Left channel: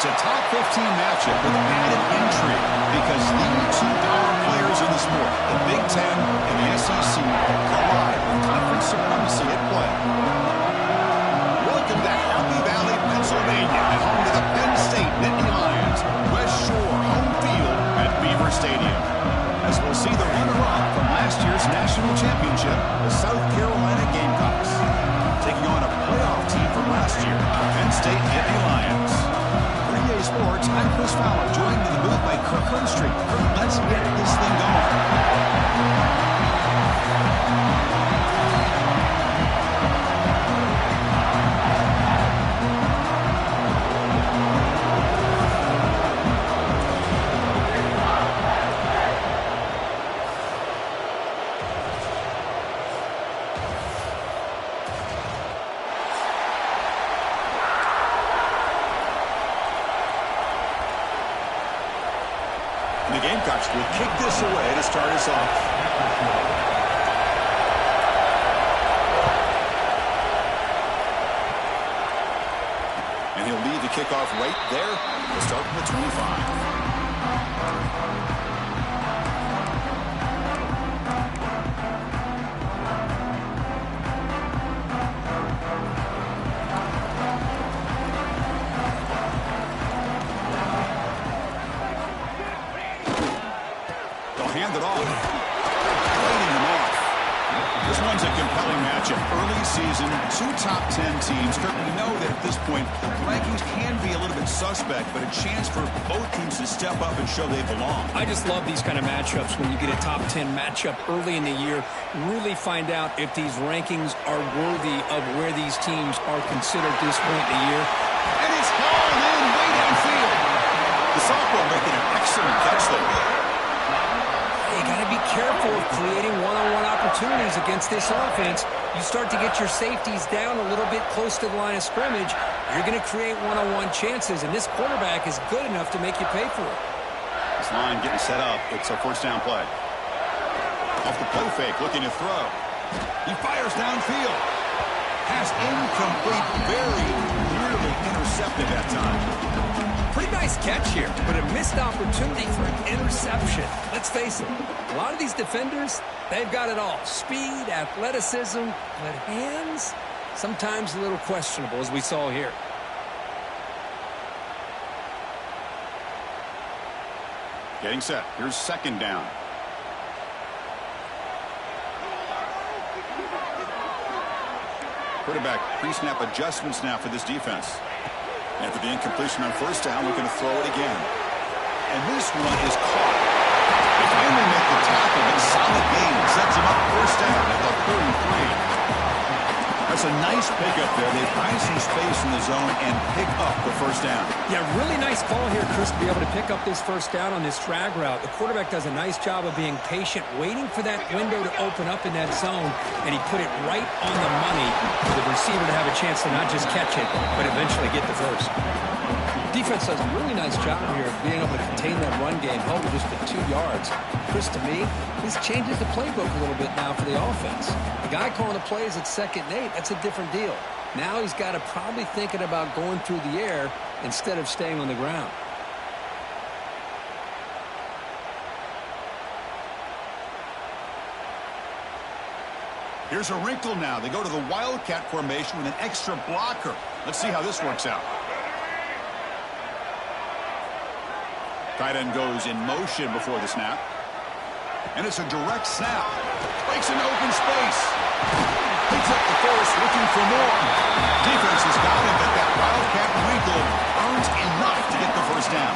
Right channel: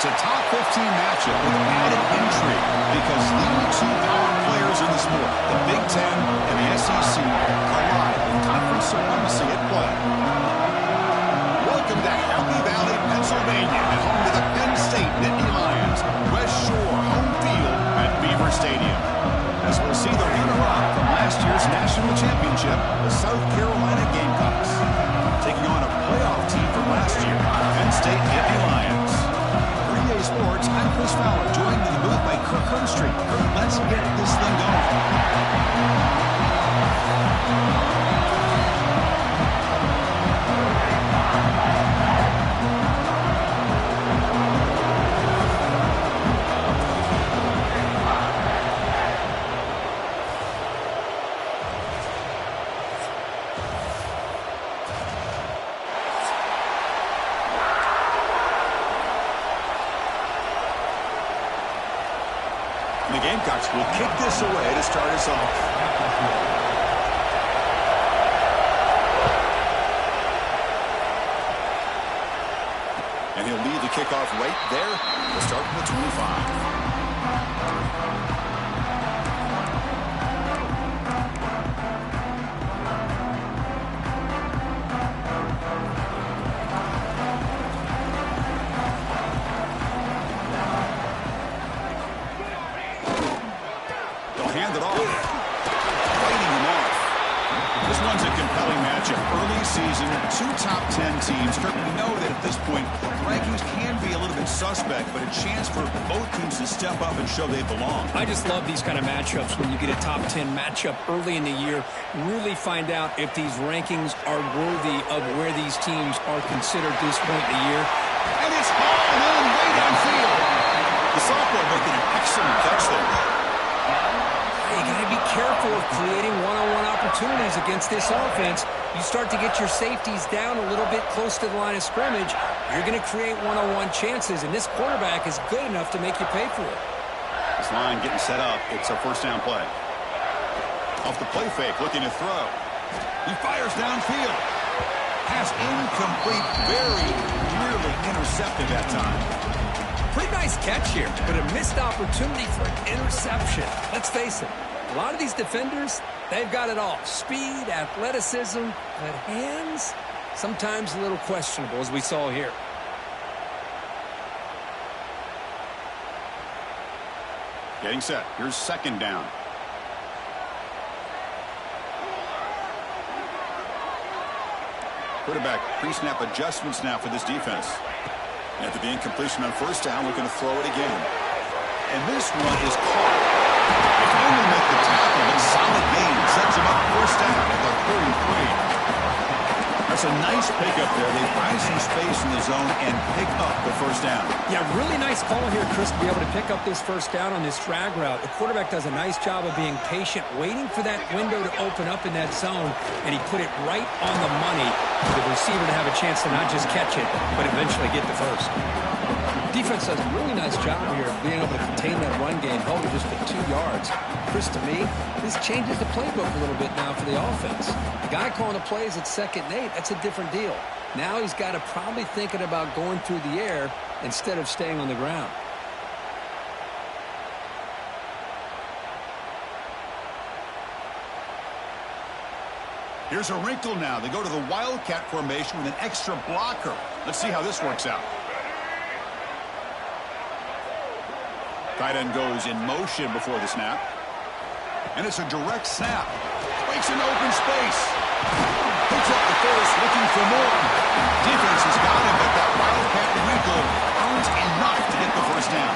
It's a top 15 matchup with added intrigue because the two power players in the sport, the Big Ten and the SEC, collide with conference supremacy at play. Welcome to Happy Valley, Pennsylvania, and home to the Penn State Nittany Lions, West Shore home field at Beaver Stadium. As we'll see the runner-up from last year's national championship, the South Carolina Gamecocks, taking on a playoff team from last year, Penn State Nittany Lions. For EA Sports, I'm Chris Fowler, joined in the booth by Kirk Hermstreet. Kirk, let's get this thing going. The Gamecocks will kick this away to start us off. And he'll lead the kickoff right there. We'll start from the 25. Hand it off. Fighting him off. This one's a compelling matchup. Early season, two top 10 teams. Kirk, we know that at this point, the rankings can be a little bit suspect, but a chance for both teams to step up and show they belong. I just love these kind of matchups when you get a top 10 matchup early in the year. Really find out if these rankings are worthy of where these teams are considered at this point in the year. And it's hauled in way downfield. The sophomore making an excellent catch there. You got to be careful of creating one-on-one opportunities against this offense. You start to get your safeties down a little bit close to the line of scrimmage, you're going to create one-on-one chances, and this quarterback is good enough to make you pay for it. This line getting set up. It's a first down play. Off the play fake, looking to throw. He fires downfield. Pass incomplete, very nearly intercepted that time. Pretty nice catch here, but a missed opportunity for an interception. Let's face it, a lot of these defenders, they've got it all. Speed, athleticism, but hands, sometimes a little questionable, as we saw here. Getting set. Here's second down. Quarterback pre-snap adjustments now for this defense. After the incompletion on first down, looking to throw it again. And this one is caught. They finally make the tackle, but solid gain sets him up first down at the 33. That's a nice pickup there. They find some space in the zone and pick up the first down. Yeah, really nice call here, Chris, to be able to pick up this first down on this drag route. The quarterback does a nice job of being patient, waiting for that window to open up in that zone, and he put it right on the money for the receiver to have a chance to not just catch it, but eventually get the first. Defense does a really nice job here of being able to contain that run game, held it just at 2 yards. Chris, to me, this changes the playbook a little bit now for the offense. The guy calling the plays at 2nd and 8, that's a different deal. Now he's got to probably thinking about going through the air instead of staying on the ground. Here's a wrinkle now. They go to the Wildcat formation with an extra blocker. Let's see how this works out. Tight end goes in motion before the snap. And it's a direct snap. Breaks into open space. Picks up the first, looking for more. Defense has got him, but that Wildcat wrinkle earns enough to get the first down.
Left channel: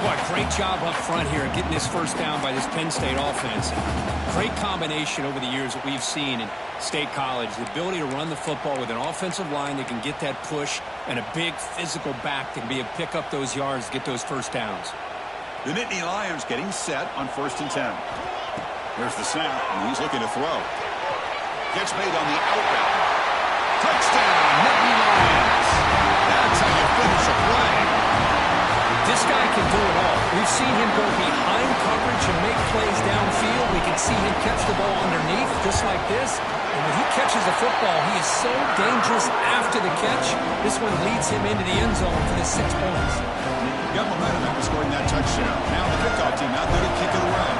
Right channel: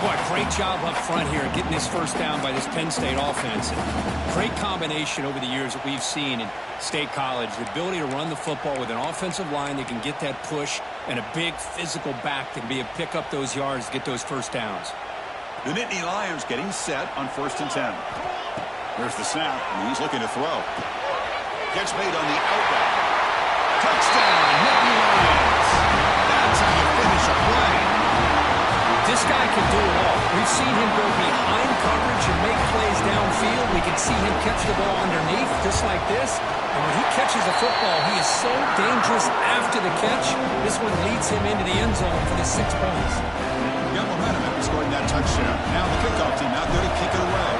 Boy, great job up front here getting this first down by this Penn State offense. Great combination over the years that we've seen in State College. The ability to run the football with an offensive line that can get that push and a big physical back that can be able to pick up those yards to get those first downs. The Nittany Lions getting set on 1st and 10. There's the snap, and he's looking to throw. Gets made on the out route. Touchdown, Nittany Lions. That's how you finish a play. This guy can do it all. We've seen him go behind coverage and make plays downfield. We can see him catch the ball underneath, just like this. And when he catches a football, he is so dangerous after the catch. This one leads him into the end zone for the 6 points. Got momentum after scoring that touchdown. Now the kickoff team out there to kick it away.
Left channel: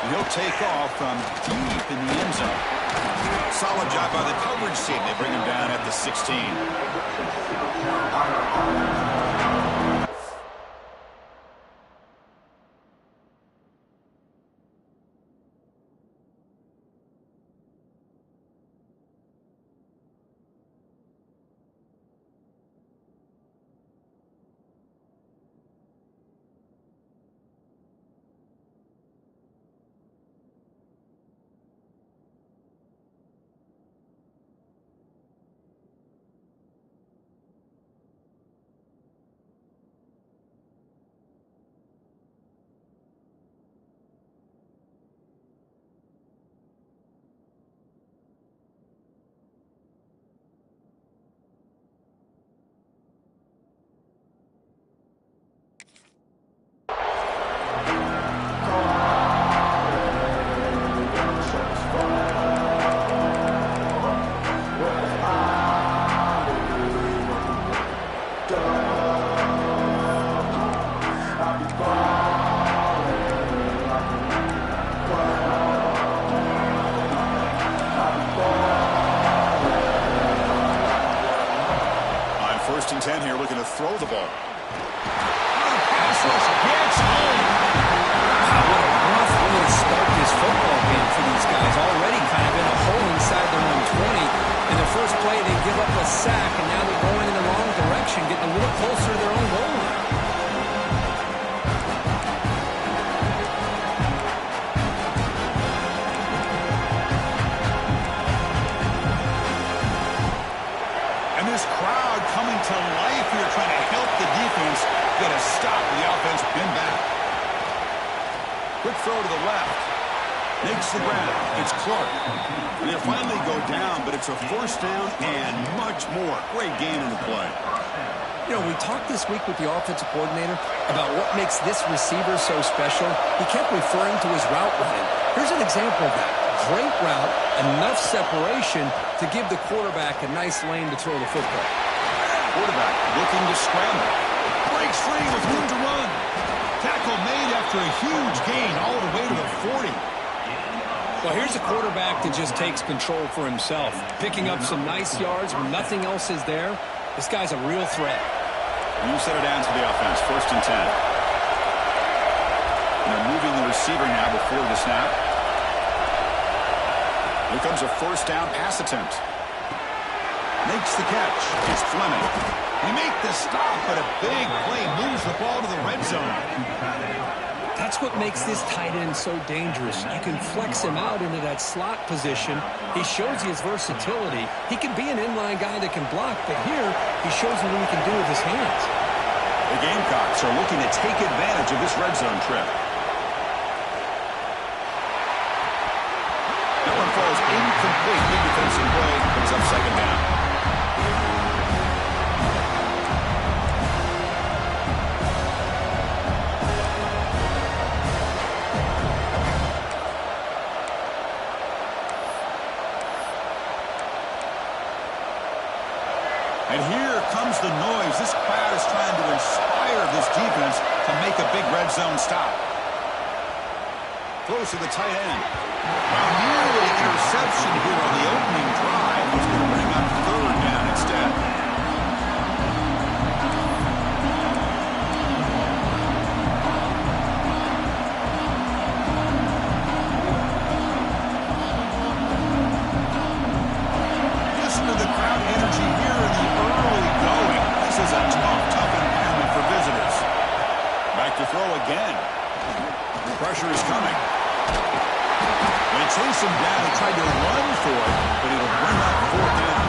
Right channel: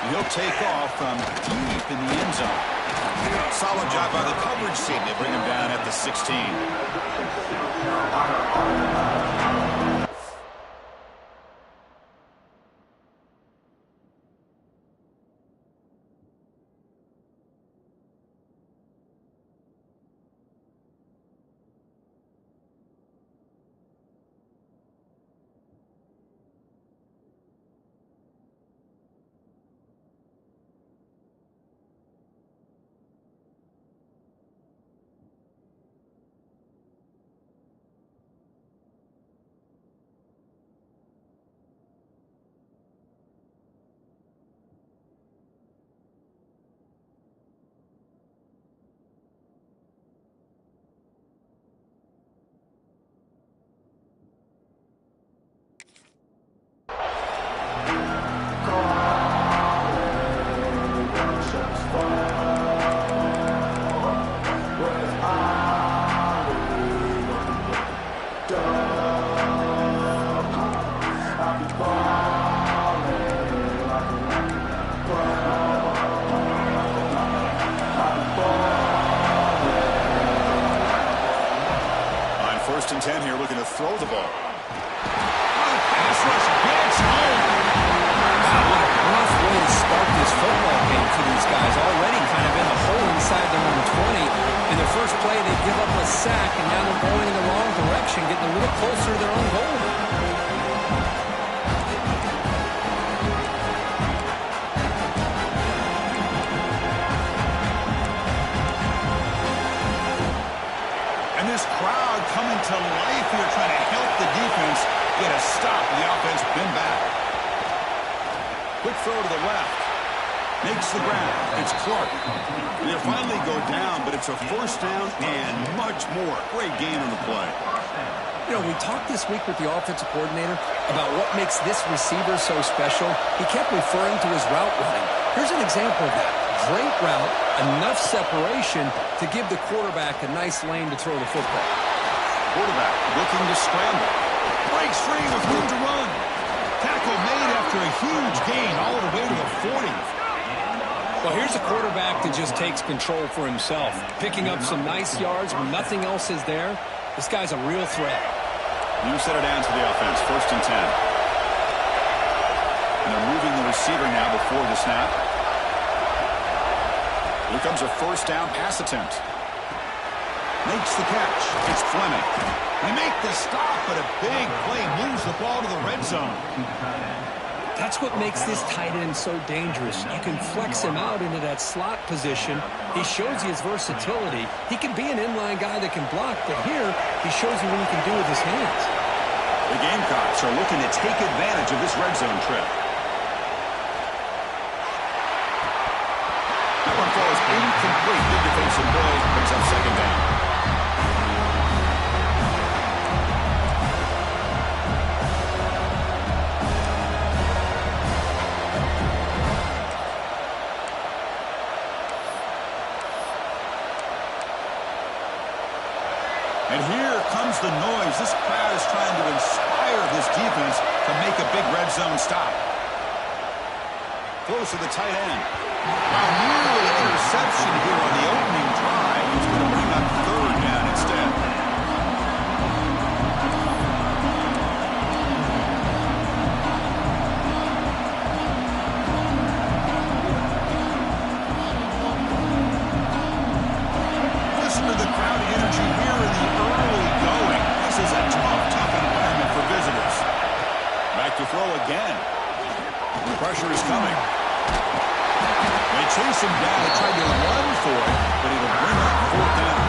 And he'll take off from deep in the end zone. Solid job by the coverage team. They bring him down at the 16. First and 10 here, looking to throw the ball. Oh, the pass rush gets home. Wow, what a rough way to start this football game for these guys. Already kind of in a hole inside their own 20. In their first play, they give up a sack, and now they're going in the wrong direction, getting a little closer to their own goal line. This crowd coming to life here, trying to help the defense get a stop. The offense been back. Quick throw to the left. Makes the ground. It's Clark. And they'll finally go down, but it's a first down and much more. Great gain on the play. You know, we talked this week with the offensive coordinator about what makes this receiver so special. He kept referring to his route running. Here's an example of that. Great route, enough separation to give the quarterback a nice lane to throw the football. Quarterback looking to scramble. Breaks free with room to run. Tackle made after a huge gain all the way to the 40. Well, here's a quarterback that just takes control for himself. Picking up some nice yards when nothing else is there. This guy's a real threat. You set it down to the offense. First and 10. And they're moving the receiver now before the snap. Here comes a first down pass attempt. Makes the catch. It's Fleming. They make the stop, but a big play moves the ball to the red zone. That's what makes this tight end so dangerous. You can flex him out into that slot position. He shows you his versatility. He can be an inline guy that can block, but here he shows you what he can do with his hands. The Gamecocks are looking to take advantage of this red zone trip. That one falls incomplete. Big defensive play. Brings up second down. And here comes the noise. This crowd is trying to inspire this defense to make a big red zone stop. Close to the tight end. Wow, nearly interception here on the opening drive. He's going to bring up third down instead. Listen to the crowd energy here in the early going. This is a tough environment for visitors. Back to throw again. Pressure is coming. They chase him down. He tried to run for it, but it'll bring up fourth down.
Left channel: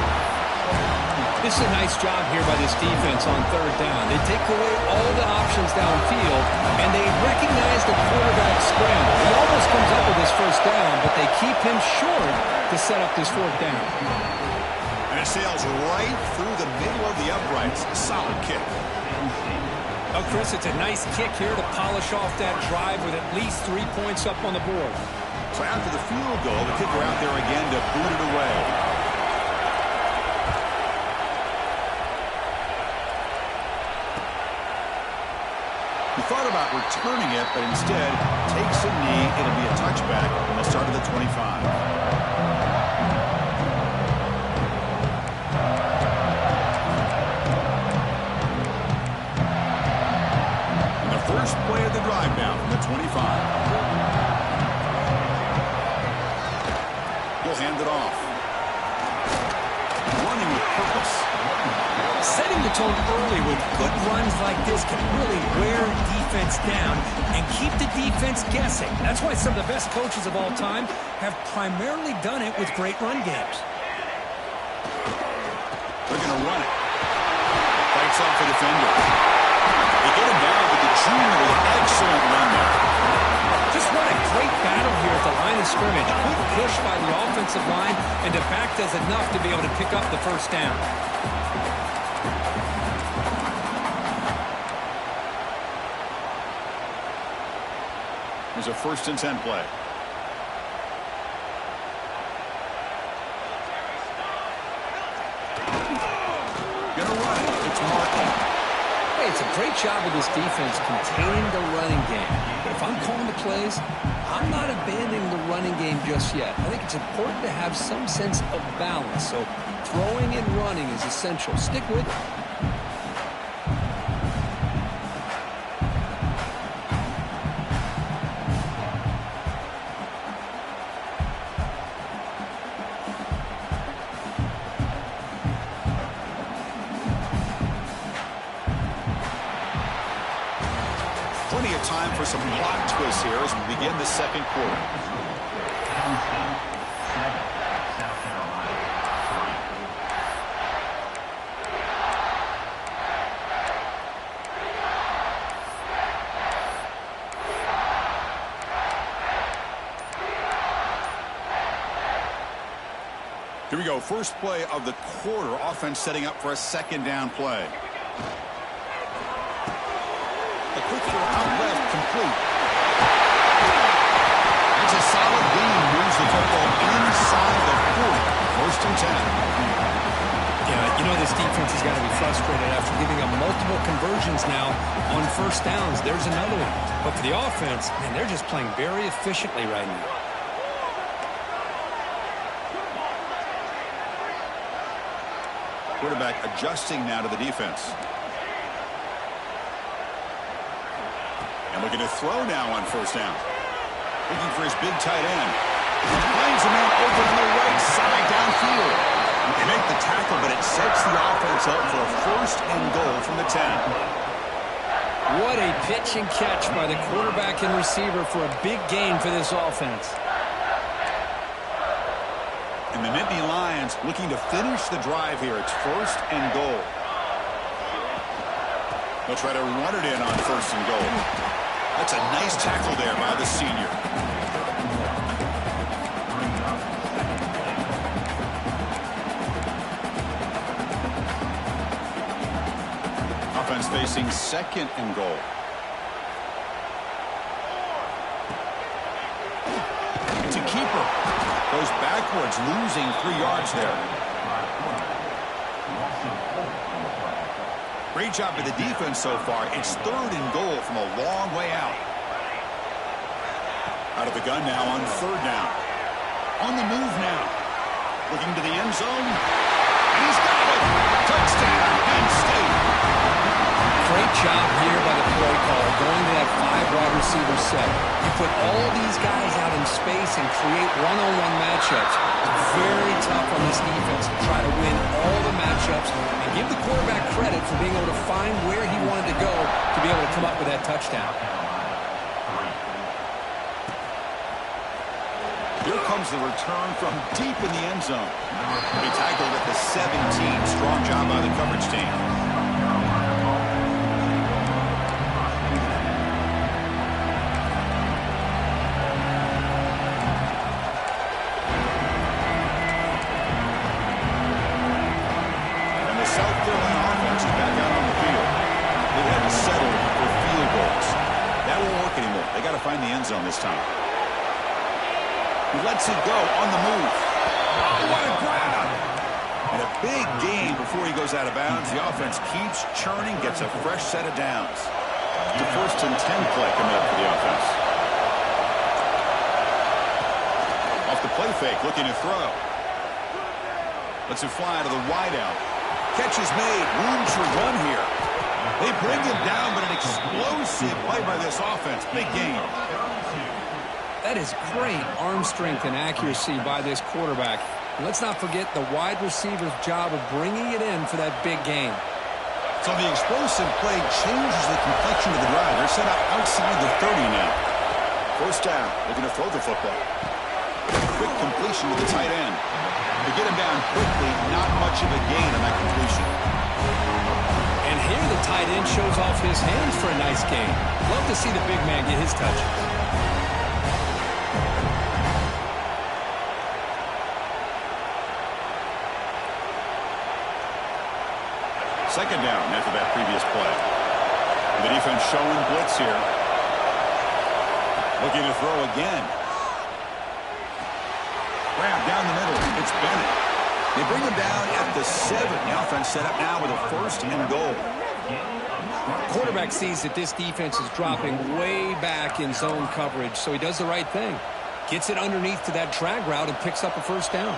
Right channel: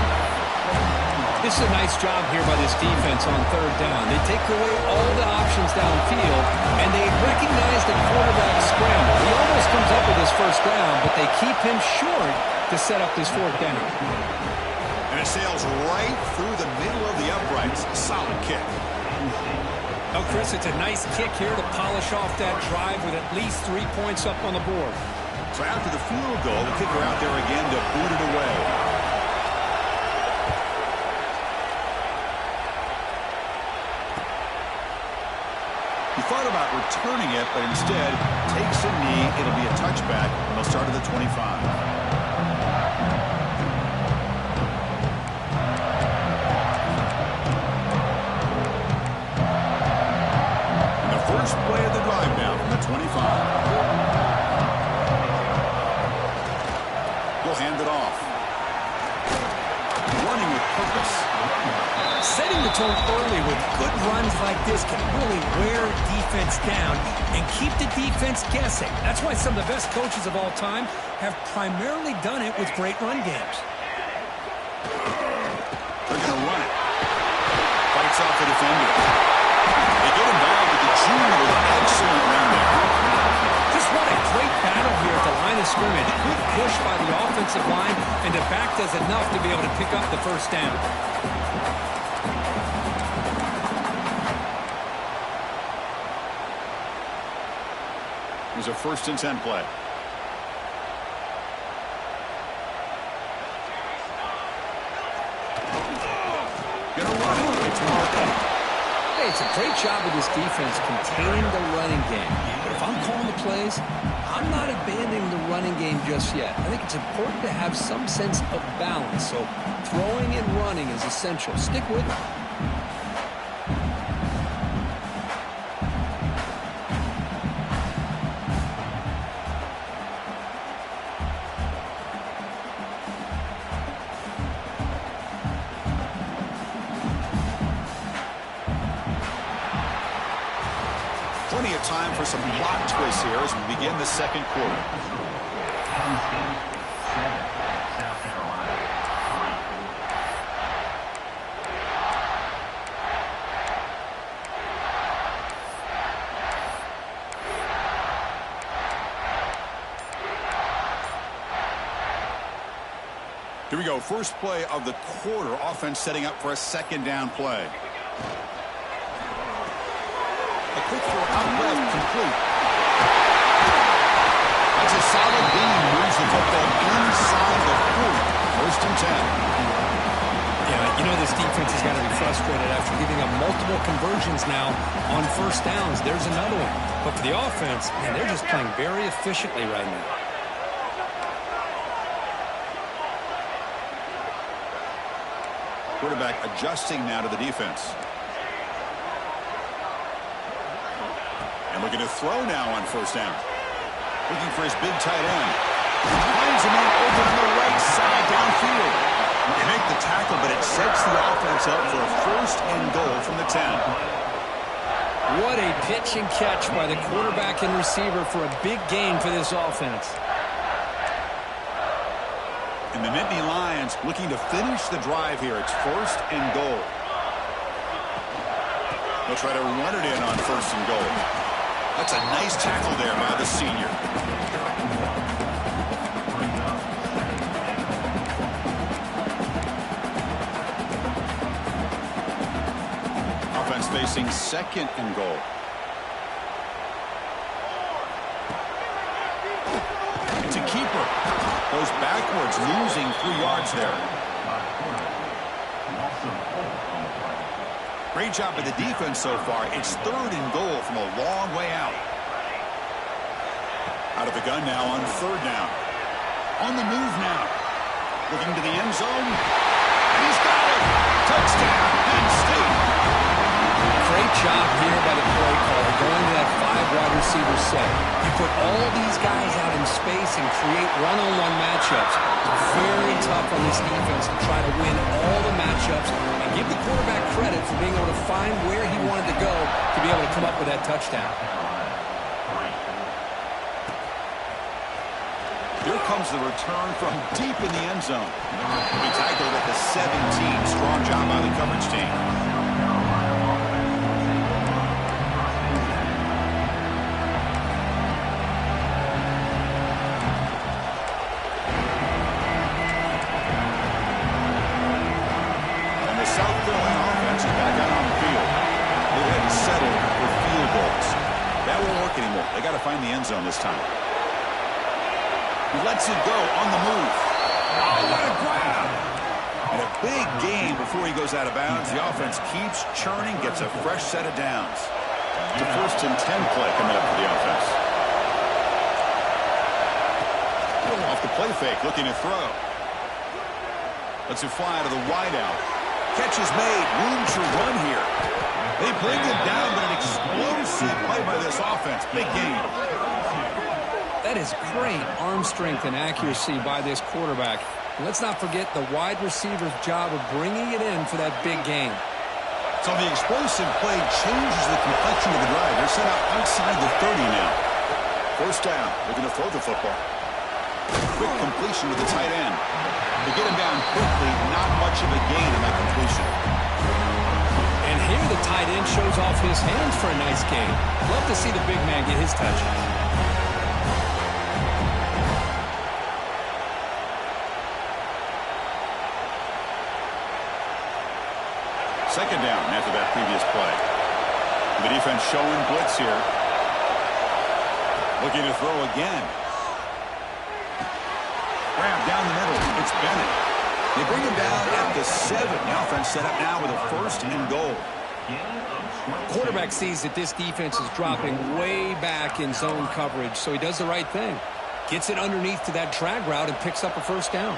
This is a nice job here by this defense on third down. They take away all the options downfield, and they recognize the quarterback scramble. He almost comes up with his first down, but they keep him short to set up this fourth down. And it sails right through the middle of the uprights. Solid kick. Oh, Chris, it's a nice kick here to polish off that drive with at least 3 points up on the board. So after the field goal, the kicker out there again to boot it away. He thought about returning it, but instead takes a knee. It'll be a touchback, and they'll start at the 25. And the first play of the drive now from the 25. He'll hand it off. Running with purpose. Setting the tone early with good runs like this can really wear defense down and keep the defense guessing. That's why some of the best coaches of all time have primarily done it with great run games. They're going to run it. Fights off the defender. They get him down, but the junior with an excellent run there. Just what a great battle here at the line of scrimmage. Good push by the offensive line, and the back does enough to be able to pick up the first down. Here's a 1st and 10 play. Gonna run it. It's Martin. Hey, it's a great job of this defense containing the running game. But if I'm calling the plays, I'm not abandoning the running game just yet. I think it's important to have some sense of balance. So throwing and running is essential. Stick with it. Plenty of time for some plot twists here as we begin the second quarter. Penn State 7, South Carolina 3. Here we go. First play of the quarter. Offense setting up for a 2nd down play. A quick throw out left, complete. That's a solid gain. Moves the football inside the 40. 1st and 10. Yeah, you know this defense has got to be frustrated after giving up multiple conversions now on first downs. There's another one. But for the offense, man, they're just playing very efficiently right now. Quarterback adjusting now to the defense. And looking to throw now on 1st down. Looking for his big tight end. Finds a man open on the right side downfield. They make the tackle, but it sets the offense up for a 1st and goal from the 10. What a pitch and catch by the quarterback and receiver for a big gain for this offense. And the Nittany Lions looking to finish the drive here. It's 1st and goal. They'll try to run it in on 1st and goal. That's a nice tackle there by the senior. Offense facing 2nd and goal. It's a keeper. Goes backwards, losing 3 yards there. Great job by the defense so far. It's 3rd and goal from a long way out. Out of the gun now on 3rd down. On the move now. Looking to the end zone. And he's got it. Touchdown, Penn State. Great job here by the play caller going to that 5 wide receiver set. You put all these guys out in space and create one-on-one matchups. It's very tough on this defense to try to win all the matchups and give the quarterback credit for being able to find where he wanted to go to be able to come up with that touchdown. Here comes the return from deep in the end zone. He tackled at the 17. Strong job by the coverage team. And the South Carolina offense is back out on the field. They've had to settle for field goals. That won't work anymore. They got to find the end zone this time. He lets it go on the move. Oh, what a grab! And a big gain before he goes out of bounds. The offense keeps churning, gets a fresh set of downs. It's a 1st and 10 play coming up for the offense. Off the play fake, looking to throw. Lets it fly to the wideout. Catch is made. Room to run here. They bring him down, but an explosive play by this offense. Big gain. That is great arm strength and accuracy by this quarterback. And let's not forget the wide receiver's job of bringing it in for that big game. So the explosive play changes the complexion of the drive. They're set up outside the 30 now. 1st down. Looking to throw the football. Quick completion to the tight end. They get him down quickly. Not much of a gain on that completion. And here the tight end shows off his hands for a nice gain. Love to see the big man get his touches. 2nd down after that previous play. The defense showing blitz here. Looking to throw again. Grab down the middle. It's Bennett. They bring him down at the 7. The offense set up now with a 1st and goal. Quarterback sees that this defense is dropping way back in zone coverage, so he does the right thing. Gets it underneath to that drag route and picks up a 1st down.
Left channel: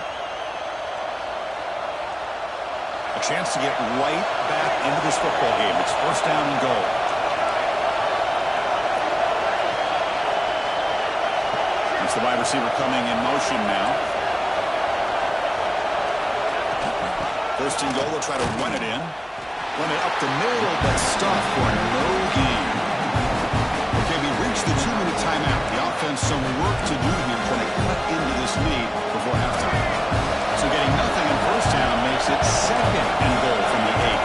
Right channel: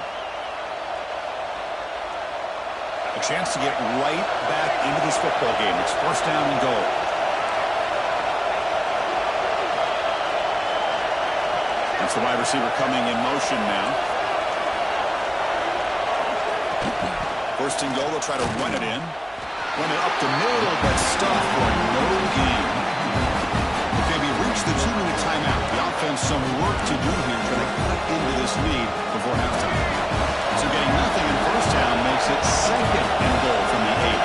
A chance to get right back into this football game. It's 1st down and goal. That's the wide receiver coming in motion now. 1st and goal. They'll try to run it in. Run it up the middle, but stuffed for no gain. Okay, we reached the 2-minute timeout. The offense some work to do here, trying to cut into this lead before halftime. So getting nothing in 1st down makes it 2nd and goal from the 8.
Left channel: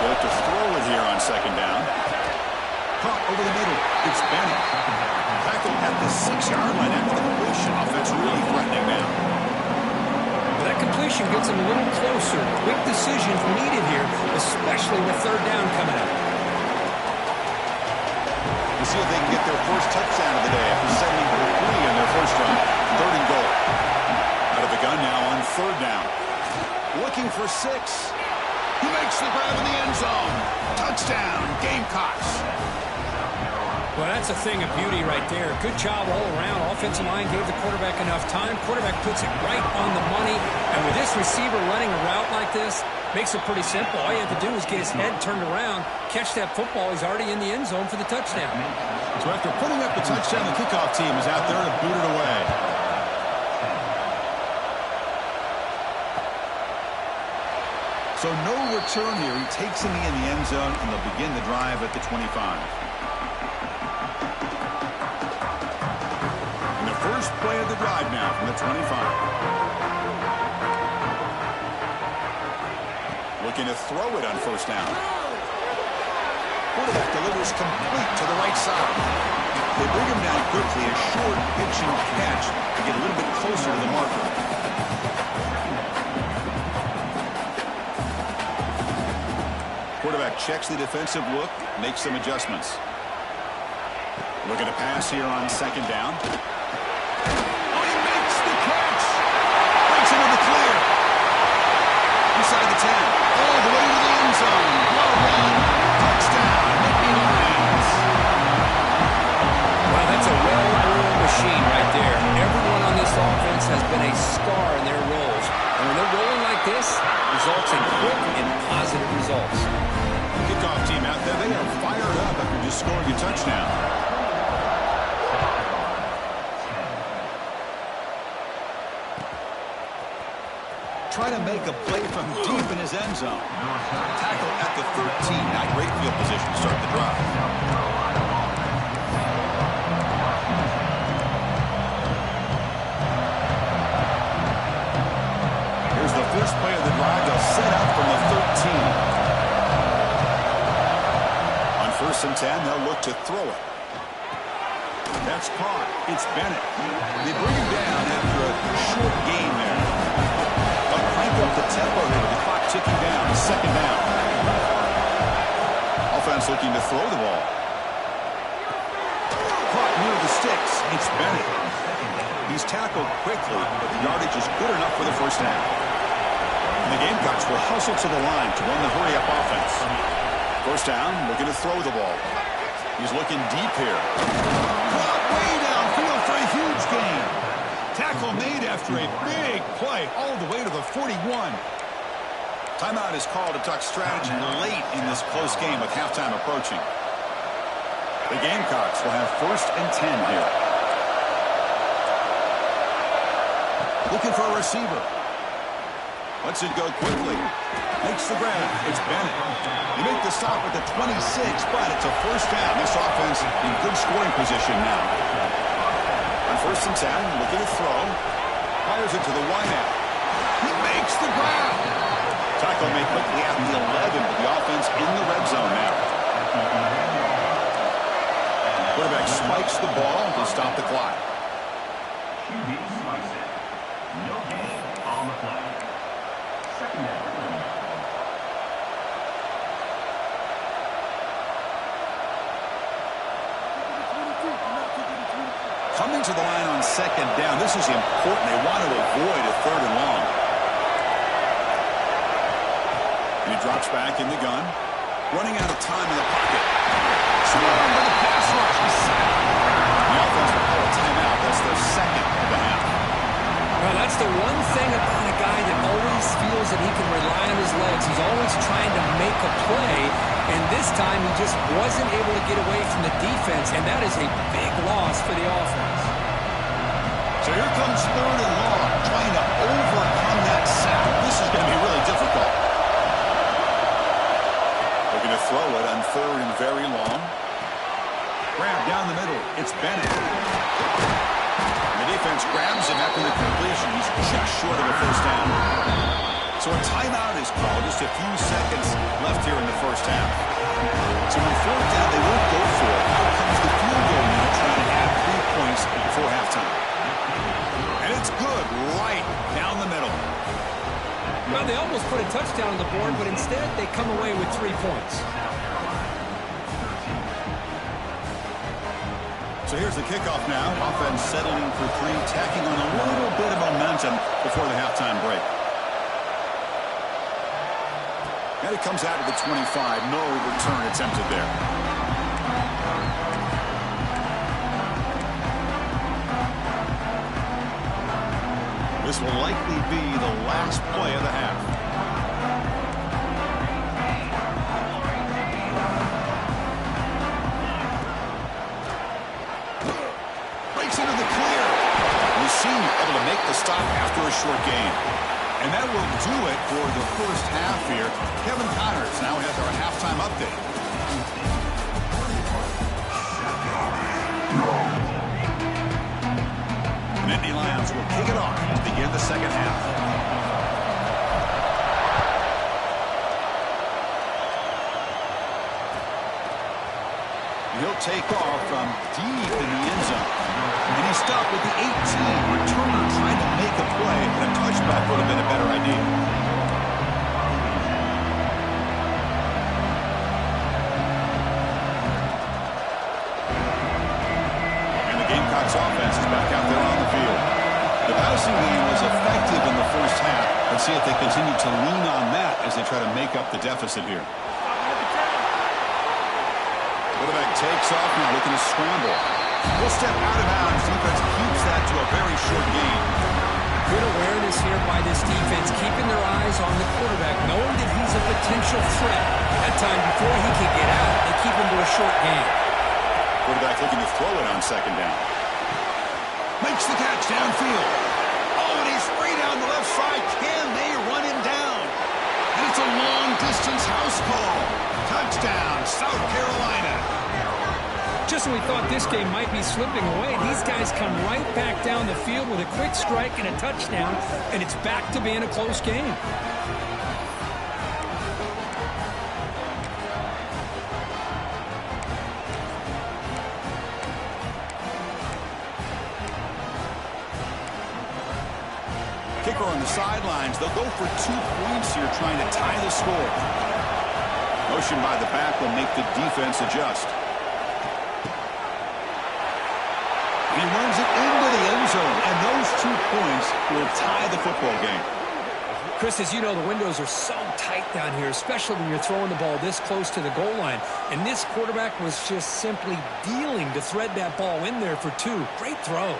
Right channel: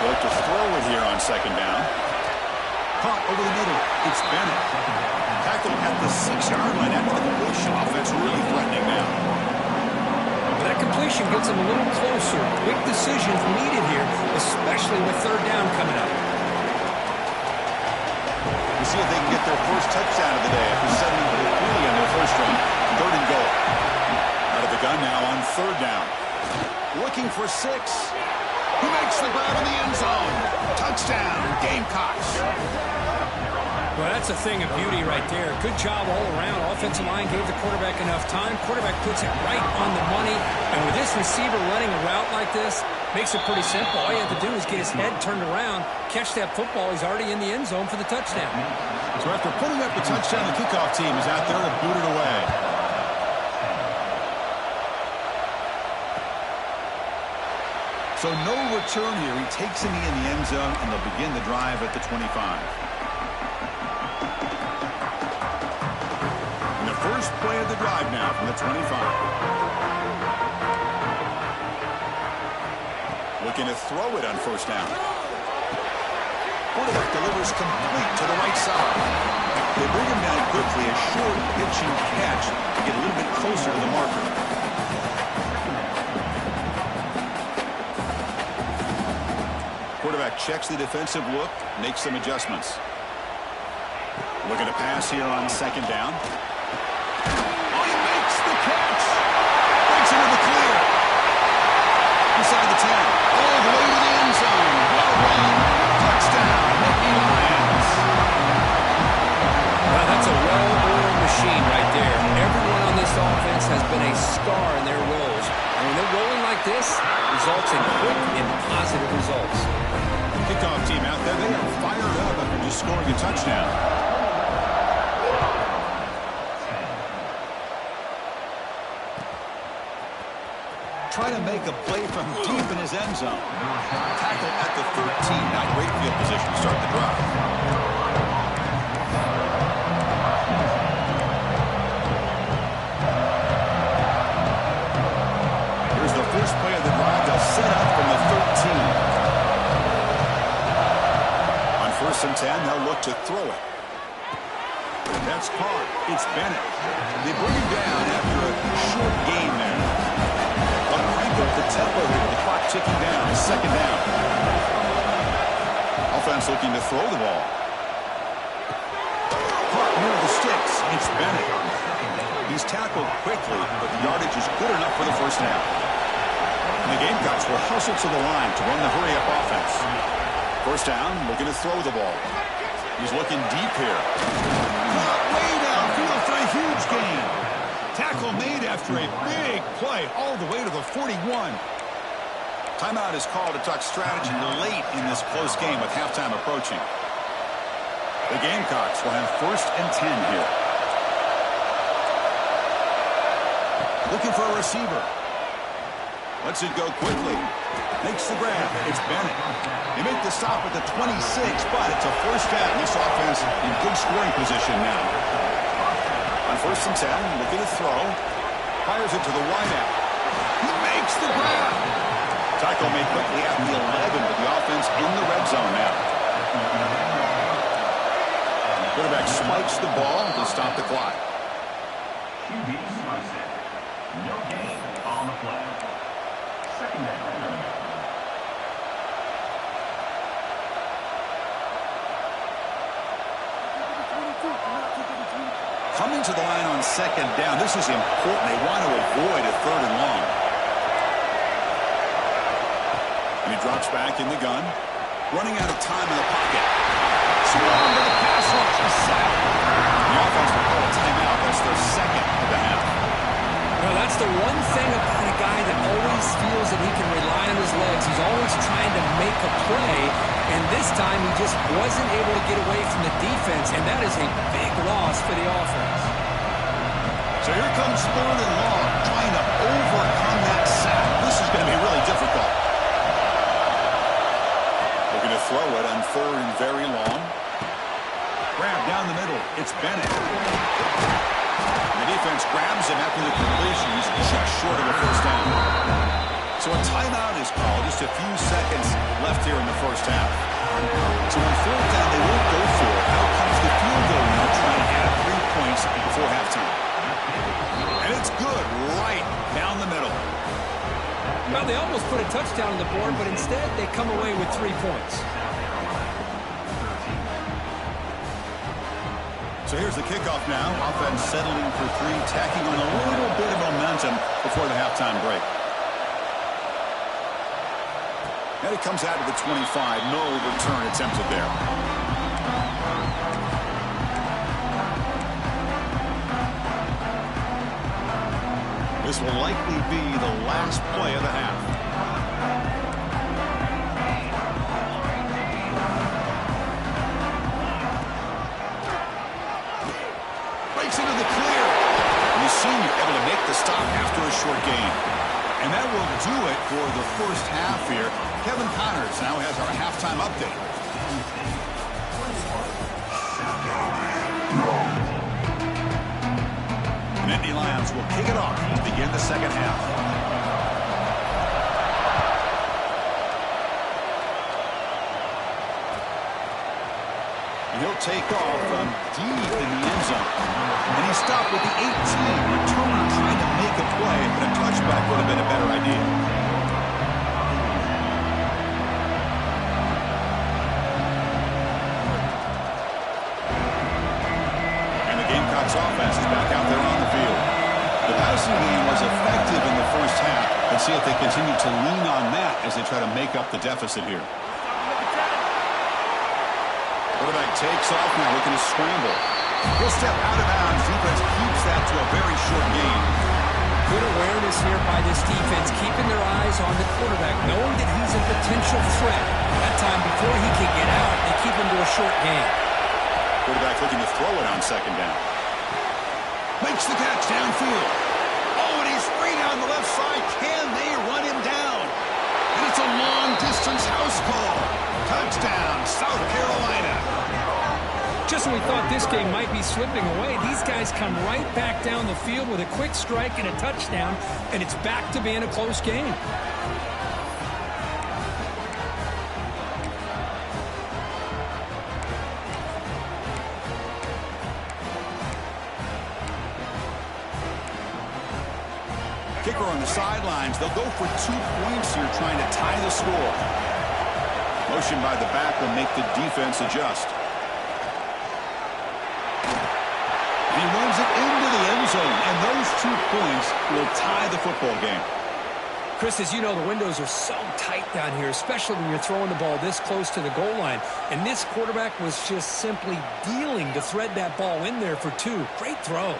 They look to throw it here on 2nd down. Caught over the middle. It's Bennett. Tackled at the 6-yard line after the completion. Offense really threatening now. That completion gets them a little closer. Quick decisions needed here, especially with 3rd down coming up. We'll see if they can get their 1st touchdown of the day after setting for 3 on their 1st drive. 3rd and goal. Out of the gun now on 3rd down. Looking for 6. He makes the grab in the end zone. Touchdown, Gamecocks. Well, that's a thing of beauty right there. Good job all around. Offensive line gave the quarterback enough time. Quarterback puts it right on the money. And with this receiver running a route like this, makes it pretty simple. All you have to do is get his head turned around, catch that football. He's already in the end zone for the touchdown. So after putting up the touchdown, the kickoff team is out there to boot it away. So no return here. He takes a knee in the end zone, and they'll begin the drive at the 25. First play of the drive now from the 25. Looking to throw it on 1st down. Quarterback delivers complete to the right side. They bring him down quickly, a short pitch and catch to get a little bit closer to the marker. Quarterback checks the defensive look, makes some adjustments. Looking to pass here on 2nd down. Into the clear. Inside the 10. All the way to the end zone. Well run. Touchdown. Nittany Lions. Well, that's a well-oiled machine right there. Everyone on this offense has been a star in their roles. And when they're rolling like this, results in quick and positive results. Kickoff team out there. They are fired up after just scoring a touchdown. trying to make a play from deep in his end zone. Tackle at the 13. Not great field position to start the drive. Here's the first play of the drive. They'll set up from the 13. On 1st and 10, they'll look to throw it. That's caught. It's Bennett. They bring him down after a short gain there. They'll crank up the tempo here with the clock ticking down. 2nd down. Offense looking to throw the ball. Caught near the sticks. It's Bennett. He's tackled quickly, but the yardage is good enough for the 1st down. And the Gamecocks will hustle to the line to run the hurry-up offense. 1st down, looking to throw the ball. He's looking deep here. Caught way downfield for a huge gain. Tackle made after a big play all the way to the 41. Timeout is called to talk strategy late in this close game with halftime approaching. The Gamecocks will have 1st and 10 here. Looking for a receiver. Lets it go quickly. Makes the grab. It's Bennett. They make the stop at the 26, but it's a 1st down. This offense in good scoring position now. On 1st and 10, looking to throw. Fires it to the wideout. He makes the grab. Tackle made quickly at the 11, but the offense in the red zone now. Quarterback spikes the ball to stop the clock. QB spikes it. No gain on the play. 2nd down. Coming to the line on 2nd down. This is important. They want to avoid a 3rd and long. And he drops back in the gun. Running out of time in the pocket. Swung by the pass rush. He's sacked. The offense will call a timeout. That's their 2nd of the half. Well, that's the one thing about a guy that always feels that he can rely on his legs. He's always trying to make a play, and this time he just wasn't able to get away from the defense, and that is a big loss for the offense. So here comes 3rd and long, trying to overcome that sack. This is going to be really difficult. Looking to throw it on 3rd and very long. Grab down the middle. It's Bennett. The defense grabs him after the completion. He's just short of a 1st down. So a timeout is called. Just a few seconds left here in the 1st half. So on 4th down, they won't go for it. Out comes the field goal unit trying to add 3 points before halftime. And it's good right down the middle. Well, they almost put a touchdown on the board, but instead they come away with 3 points. So here's the kickoff now. Offense settling for 3, tacking on a little bit of momentum before the halftime break. And it comes out to the 25. No return attempted there. This will likely be the last play of the half. Into the clear. The senior able to make the stop after a short gain. And that will do it for the 1st half here. Kevin Connors now has our halftime update. The Nittany Lions will kick it off to begin the 2nd half. He'll take off from deep in the end zone. And he stopped with the 18. Returner trying to make a play, but a touchback would have been a better idea. And the Gamecocks offense is back out there on the field. The passing game was effective in the 1st half. Let's see if they continue to lean on that as they try to make up the deficit here. Quarterback takes off now, looking to scramble. He'll step out of bounds. Defense keeps that to a very short gain. Good awareness here by this defense, keeping their eyes on the quarterback, knowing that he's a potential threat. That time, before he can get out, they keep him to a short gain. Quarterback looking to throw it on 2nd down. Makes the catch downfield. Oh, and he's free down the left side. Can they run him down? And it's a long-distance house call. Touchdown, South Carolina. Just when we thought this game might be slipping away, these guys come right back down the field with a quick strike and a touchdown, and it's back to being a close game. Kicker on the sidelines. They'll go for 2 points here, trying to tie the score. Motion by the back will make the defense adjust. And he runs it into the end zone, and those 2 points will tie the football game. Chris, as you know, the windows are so tight down here, especially when you're throwing the ball this close to the goal line. And this quarterback was just simply dealing to thread that ball in there for 2. Great throw.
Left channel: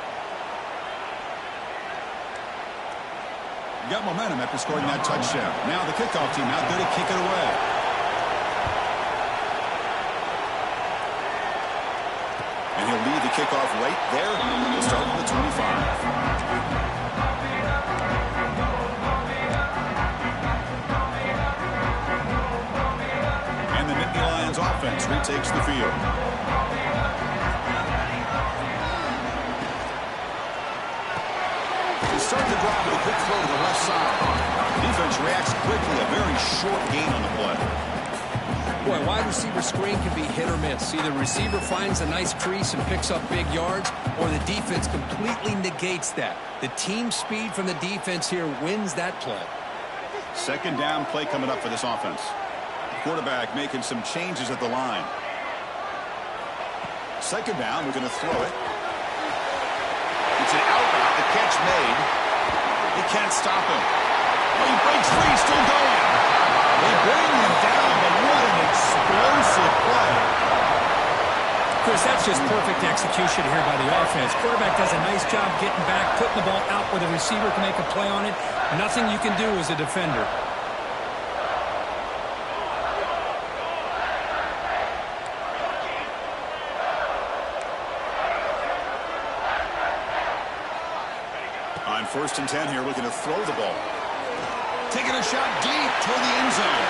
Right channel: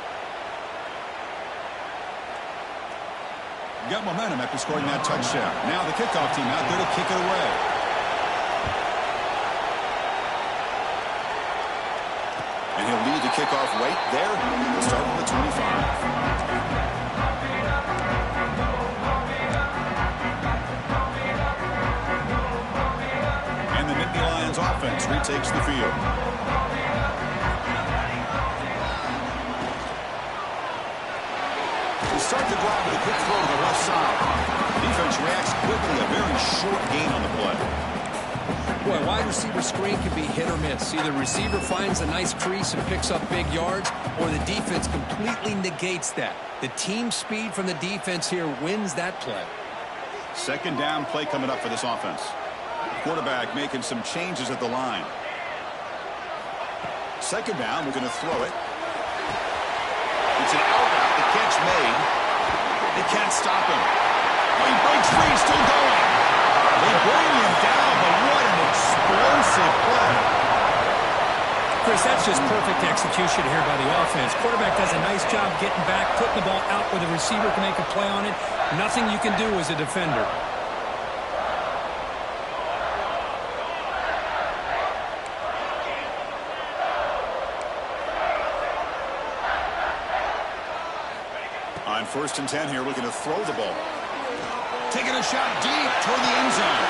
Got momentum after scoring that touchdown. Now the kickoff team out there to kick it away. And he'll lead the kickoff right there. He'll start with the 25. And the Nittany Lions offense retakes the field. Start the drive with a quick throw to the left side. Defense reacts quickly. A very short gain on the play. Boy, wide receiver screen can be hit or miss. Either receiver finds a nice crease and picks up big yards, or the defense completely negates that. The team speed from the defense here wins that play. Second down play coming up for this offense. Quarterback making some changes at the line. Second down, we're going to throw it. It's an out route. The catch made. They can't stop him. Oh, he breaks free. He's still going. They bring him down, but what an explosive play. Chris, that's just perfect execution here by the offense. Quarterback does a nice job getting back, putting the ball out where the receiver can make a play on it. Nothing you can do as a defender. On 1st and 10 here, looking to throw the ball. Taking a shot deep toward the end zone.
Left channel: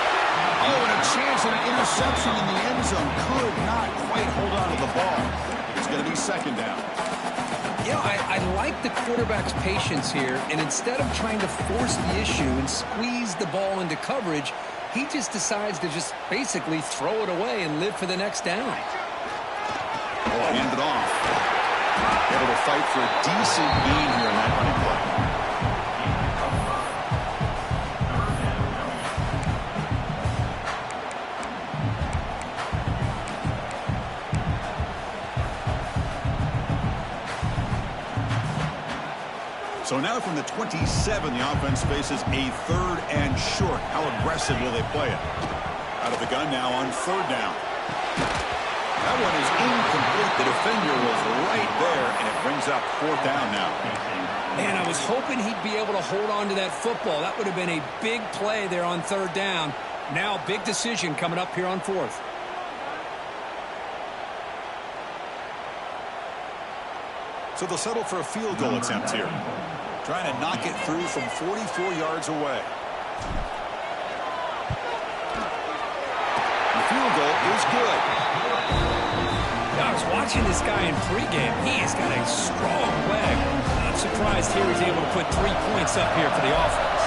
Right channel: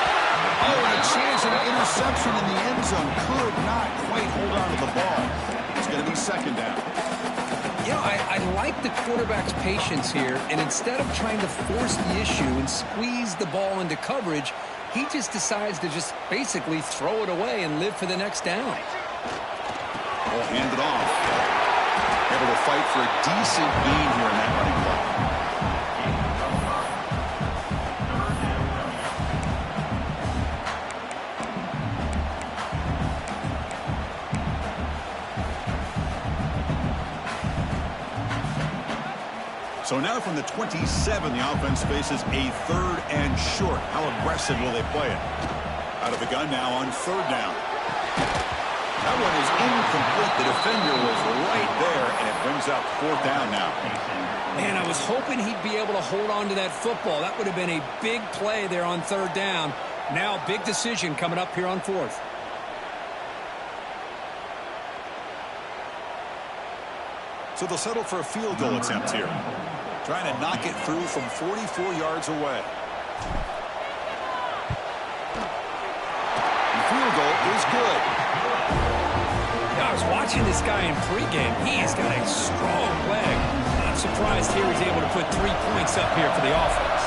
Oh, and a chance at an interception in the end zone. Could not quite hold on to the ball. It's going to be second down. You know, I like the quarterback's patience here, and instead of trying to force the issue and squeeze the ball into coverage, he just decides to just basically throw it away and live for the next down. Ball handed off. Able to fight for a decent gain here in that running play. So now from the 27, the offense faces a 3rd and short. How aggressive will they play it? Out of the gun now on 3rd down. That one is incomplete. The defender was right there, and it brings up 4th down now. Man, I was hoping he'd be able to hold on to that football. That would have been a big play there on 3rd down. Now, big decision coming up here on 4th. So they'll settle for a field goal attempt here. Trying to knock it through from 44 yards away. The field goal is good. I was watching this guy in pregame. He has got a strong leg. Not surprised here he's able to put 3 points up here for the offense.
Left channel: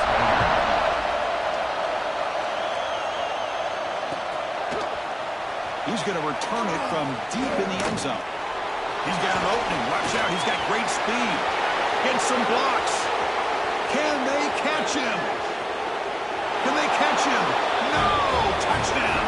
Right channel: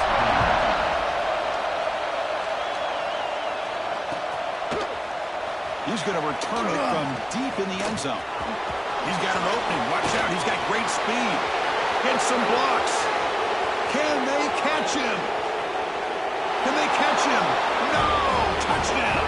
He's going to return it from deep in the end zone. He's got an opening. Watch out. He's got great speed. Gets some blocks. Can they catch him? Can they catch him? No! Touchdown!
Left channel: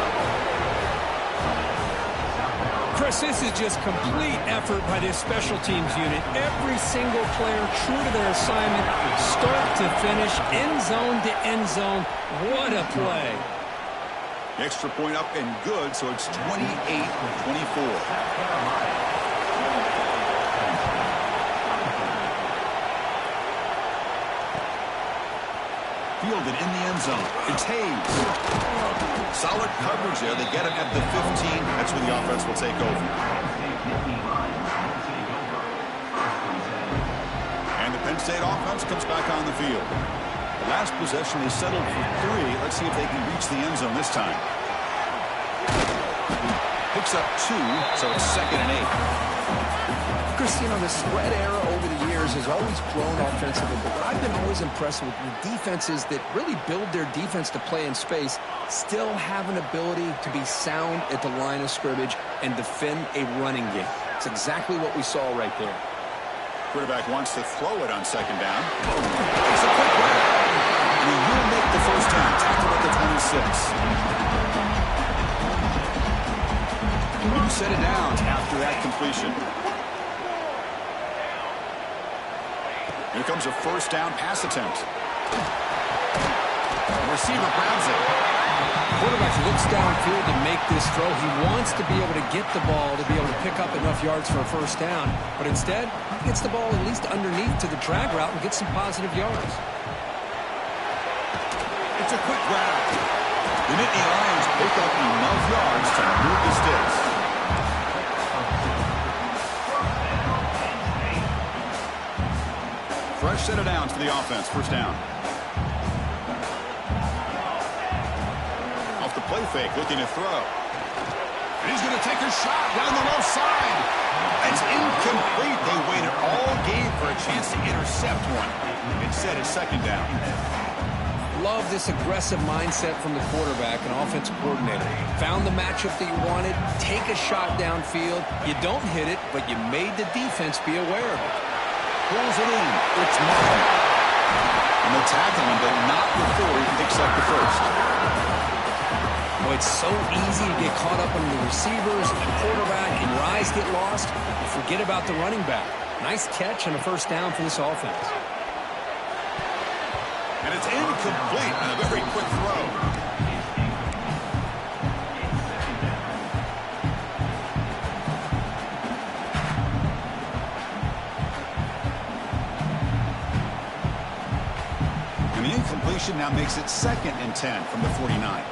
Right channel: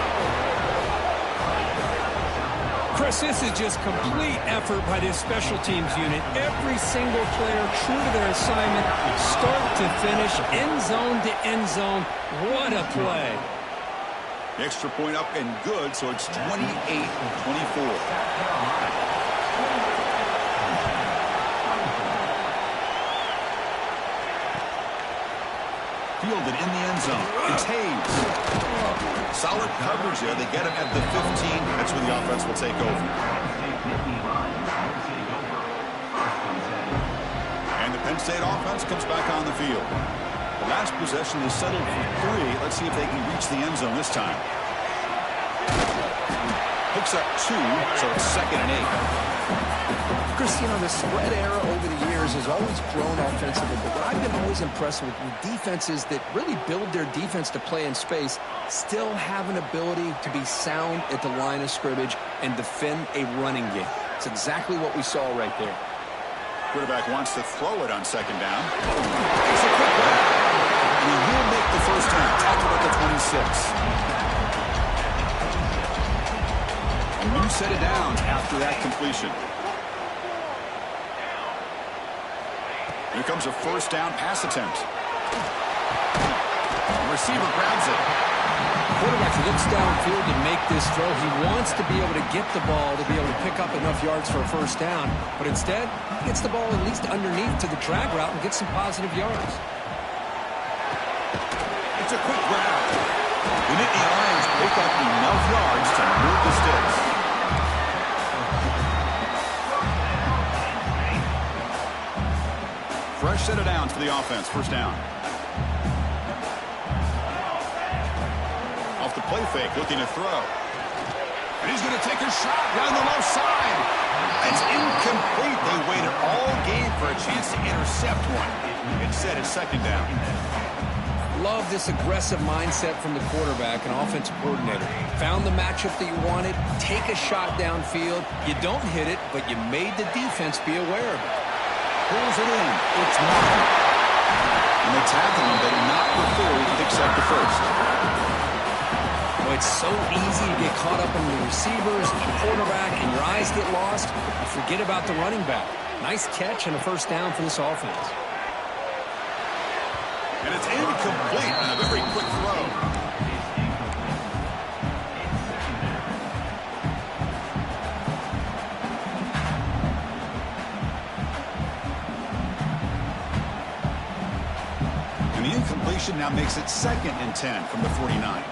Chris, this is just complete effort by this special teams unit. Every single player true to their assignment, start to finish, end zone to end zone. What a play. Extra point up and good, so it's 28-24. Fielded in the end zone. It's Hayes. Solid coverage there. They get him at the 15. That's when the offense will take over. And the Penn State offense comes back on the field. The last possession they settled for 3. Let's see if they can reach the end zone this time. Picks up 2, so it's 2nd and 8. Chris, you know, the spread era over the years has always grown offensively, but what I've been always impressed with defenses that really build their defense to play in space still have an ability to be sound at the line of scrimmage and defend a running game. It's exactly what we saw right there. Quarterback wants to throw it on 2nd down. Takes a quick grab. And he will make the first down. Tackled at the 26. A new set of downs after that completion. Here comes a first down pass attempt. The receiver grabs it. Quarterback looks downfield to make this throw. He wants to be able to get the ball to be able to pick up enough yards for a first down. But instead, he gets the ball at least underneath to the drag route and gets some positive yards. It's a quick grab. The Nittany Lions pick up enough yards to move the sticks. Fresh set of downs for the offense. First down. Off the play fake, looking to throw. And he's going to take a shot down the left side. It's incomplete. They waited all game for a chance to intercept one. Instead, it's 2nd down. Love this aggressive mindset from the quarterback and offensive coordinator. Found the matchup that you wanted. Take a shot downfield. You don't hit it, but you made the defense be aware of it. Pulls it in. It's Martin. And they tackle him, but not before he picks up the first. Well, it's so easy to get caught up in the receivers, the quarterback, and your eyes get lost. You forget about the running back. Nice catch and a first down for this offense. And it's incomplete on a very quick throw. And the incompletion now makes it 2nd and 10 from the 49.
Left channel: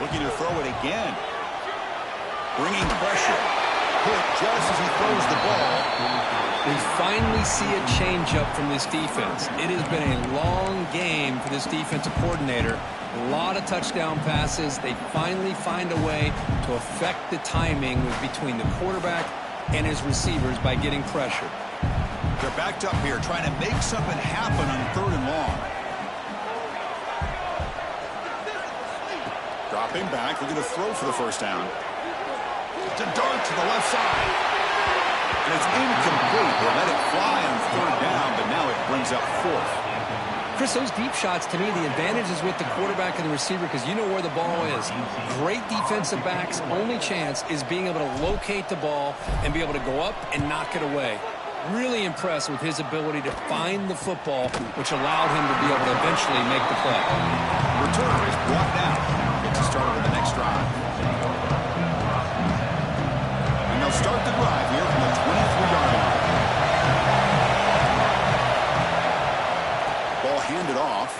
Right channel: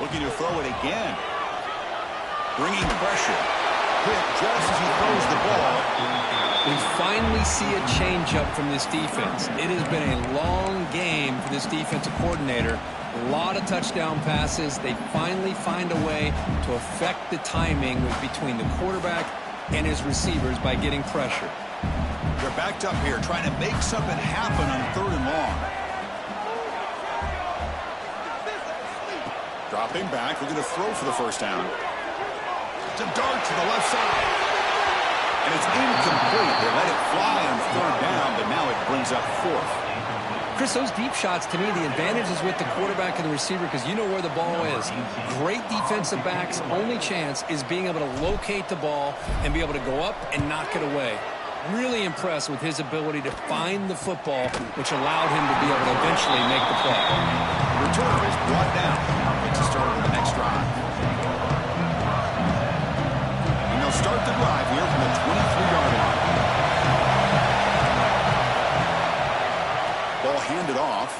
Looking to throw it again. Bringing pressure. Hit just as he throws the ball. We finally see a changeup from this defense. It has been a long game for this defensive coordinator. A lot of touchdown passes. They finally find a way to affect the timing between the quarterback and his receivers by getting pressure. They're backed up here trying to make something happen on 3rd and long. Dropping back, looking to throw for the first down. It's a dart to the left side. And it's incomplete. They let it fly on 3rd down, but now it brings up 4th. Chris, those deep shots, to me, the advantage is with the quarterback and the receiver because you know where the ball is. Great defensive backs' only chance is being able to locate the ball and be able to go up and knock it away. Really impressed with his ability to find the football, which allowed him to be able to eventually make the play. The returner is brought down. Gets a start with the next drive. And they'll start the drive here from the 23-yard line. Ball handed off.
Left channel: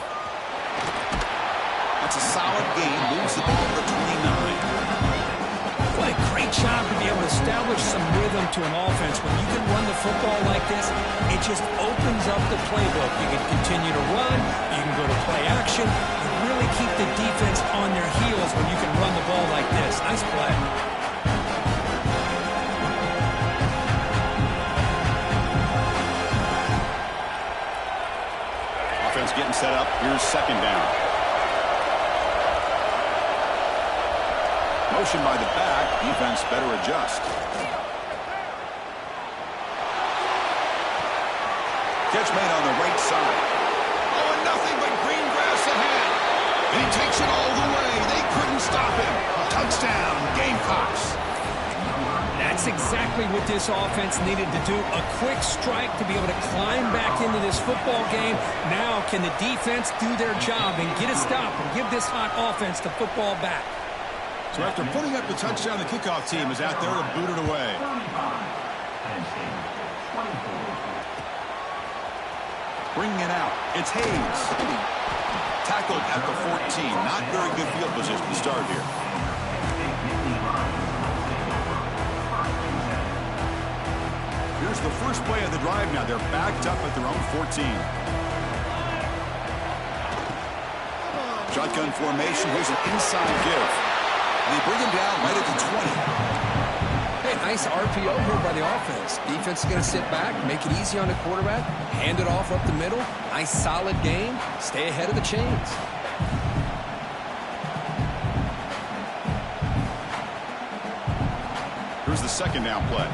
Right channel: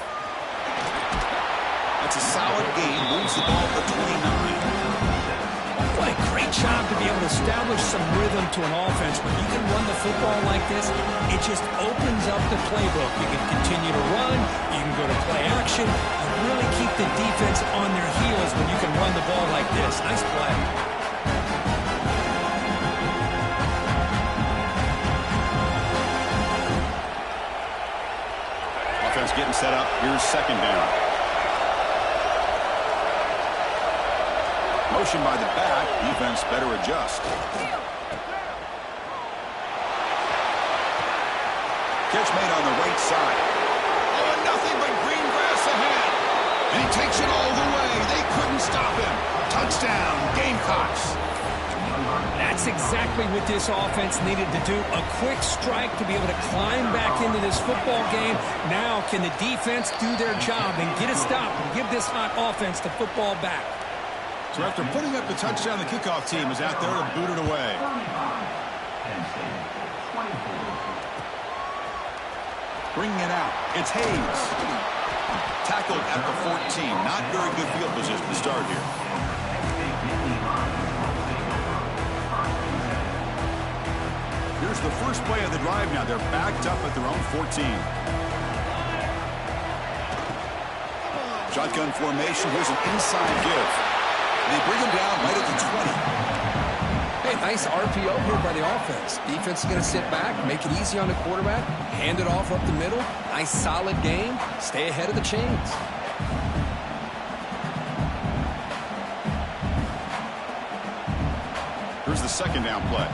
That's a solid gain. Moves the ball to the 29. What a great job to be able to establish some rhythm to an offense. When you can run the football like this, it just opens up the playbook. You can continue to run. You can go to play action. You really keep the defense on their heels when you can run the ball like this. Nice play. Offense getting set up. Here's 2nd down. Motion by the back. Defense better adjust. Catch made on the right side. Oh, and nothing but green grass ahead. And he takes it all the way. They couldn't stop him. Touchdown, Gamecocks. That's exactly what this offense needed to do. A quick strike to be able to climb back into this football game. Now can the defense do their job and get a stop and give this hot offense the football back? So after putting up the touchdown, the kickoff team is out there to boot it away. Bringing it out. It's Hayes. Tackled at the 14. Not very good field position to start here. Here's the first First play of the drive now. They're backed up at their own 14. Shotgun formation. Here's an inside give. And they bring him down right at the 20. Hey, nice RPO here by the offense. Defense is going to sit back, make it easy on the quarterback, hand it off up the middle. Nice solid game. Stay ahead of the chains. Here's the second down play.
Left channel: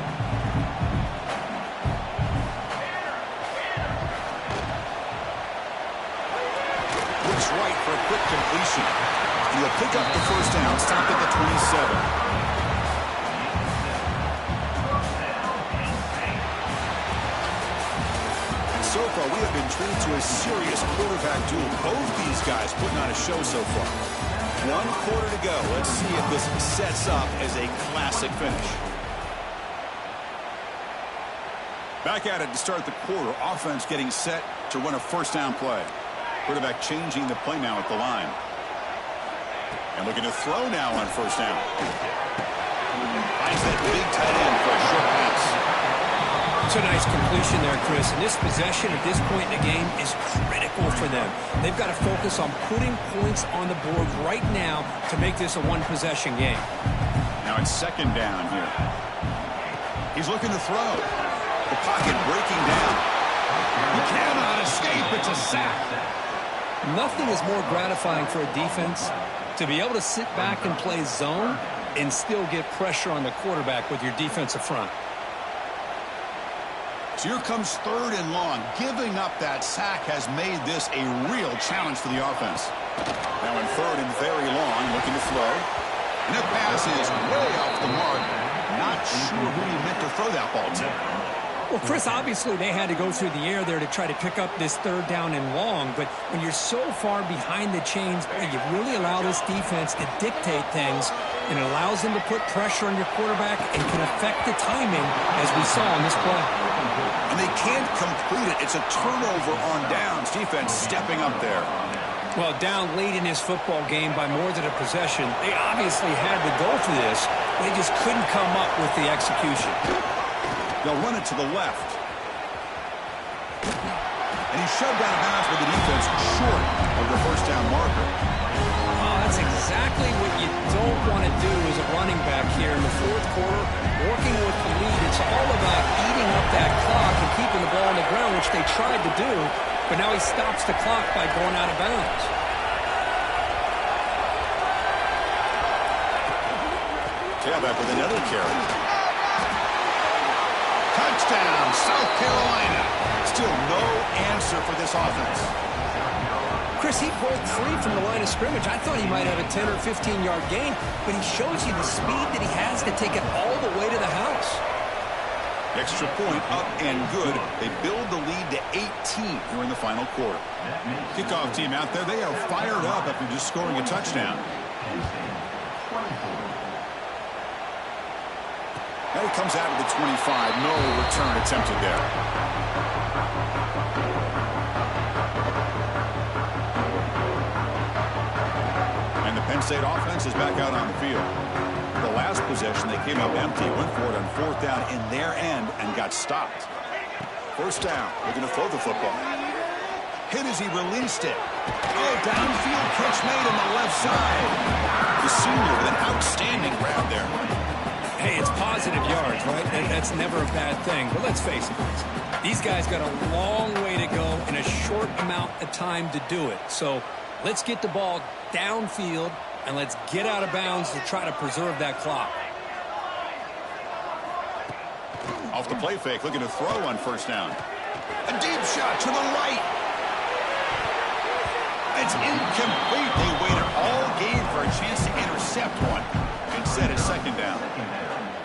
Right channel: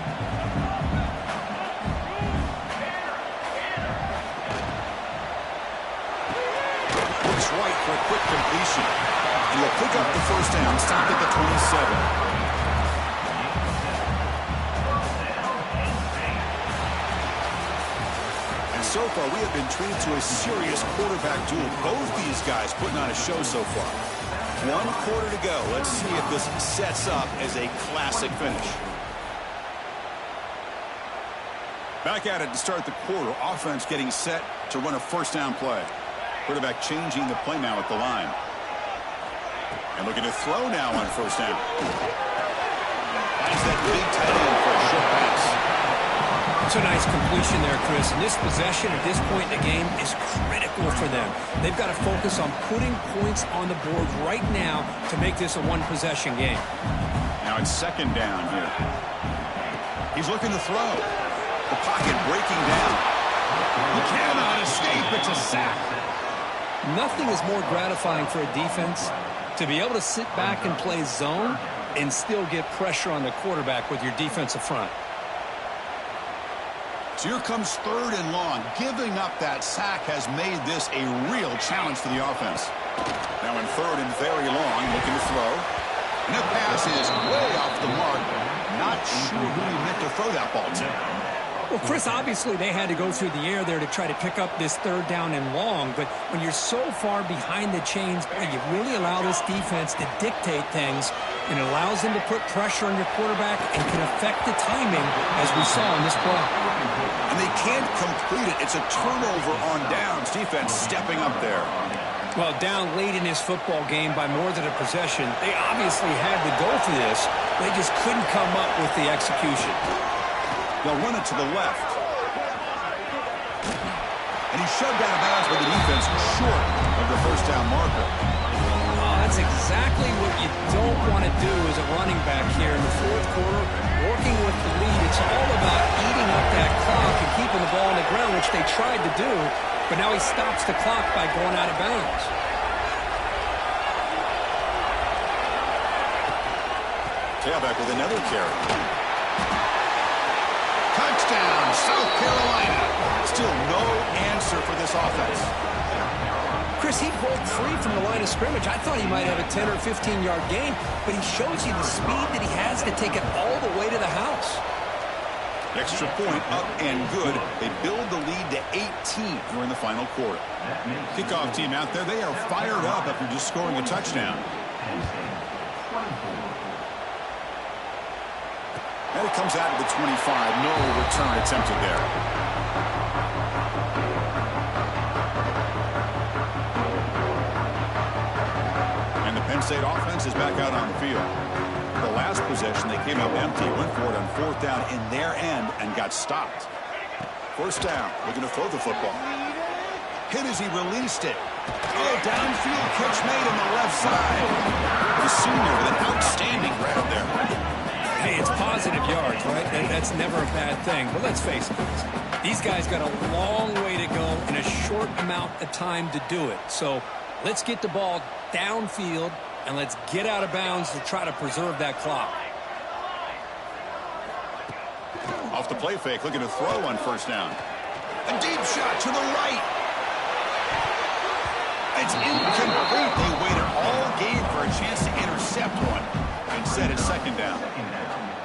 Looks right for a quick completion. And he'll pick up the first down, stop at the 27. And so far, we have been treated to a serious quarterback duel. Both these guys putting on a show so far. 1 quarter to go. Let's see if this sets up as a classic finish. Back at it to start the quarter. Offense getting set to run a first down play. Quarterback changing the play now at the line. And looking to throw now on first down. Finds that big tight end for a short pass. It's a nice completion there, Chris. And this possession at this point in the game is critical for them. They've got to focus on putting points on the board right now to make this a one-possession game. Now it's second down here. He's looking to throw. The pocket breaking down. He cannot escape. It's a sack. Nothing is more gratifying for a defense to be able to sit back and play zone and still get pressure on the quarterback with your defensive front. So here comes third and long. Giving up that sack has made this a real challenge for the offense. Now in third and very long, looking to throw. And that pass is way off the mark. Not sure who he meant to throw that ball to. Well, Chris, obviously they had to go through the air there to try to pick up this third down and long, but when you're so far behind the chains, boy, you really allow this defense to dictate things, and it allows them to put pressure on your quarterback and can affect the timing, as we saw in this play. And they can't complete it. It's a turnover on downs. Defense stepping up there. Well, down late in this football game by more than a possession, they obviously had to go for this. They just couldn't come up with the execution. They'll run it to the left. And he's shoved out of bounds by the defense short of the first down marker. Oh, that's exactly what you don't want to do as a running back here in the fourth quarter. Working with the lead, it's all about eating up that clock and keeping the ball on the ground, which they tried to do, but now he stops the clock by going out of bounds. Tailback with another carry. Touchdown, South Carolina. Still no answer for this offense. Chris, he broke free from the line of scrimmage. I thought he might have a 10 or 15-yard gain, but he shows you the speed that he has to take it all the way to the house. Extra point up and good. They build the lead to 18 here in the final quarter. Kickoff team out there, they are fired up after just scoring a touchdown. And it comes out of the 25. No return attempted there. And the Penn State offense is back out on the field. The last possession, they came up empty, went for it on fourth down in their end and got stopped. First down, looking to throw the football. Hit as he released it. Oh, downfield catch made on the left side. The senior with an outstanding grab there. Hey, it's positive yards, right? That's never a bad thing. But let's face it, these guys got a long way to go in a short amount of time to do it. So let's get the ball downfield and let's get out of bounds to try to preserve that clock. Off the play fake, looking to throw on first down. A deep shot to the right. It's incomplete. They waited all game for a chance to intercept one. Instead, it's second down.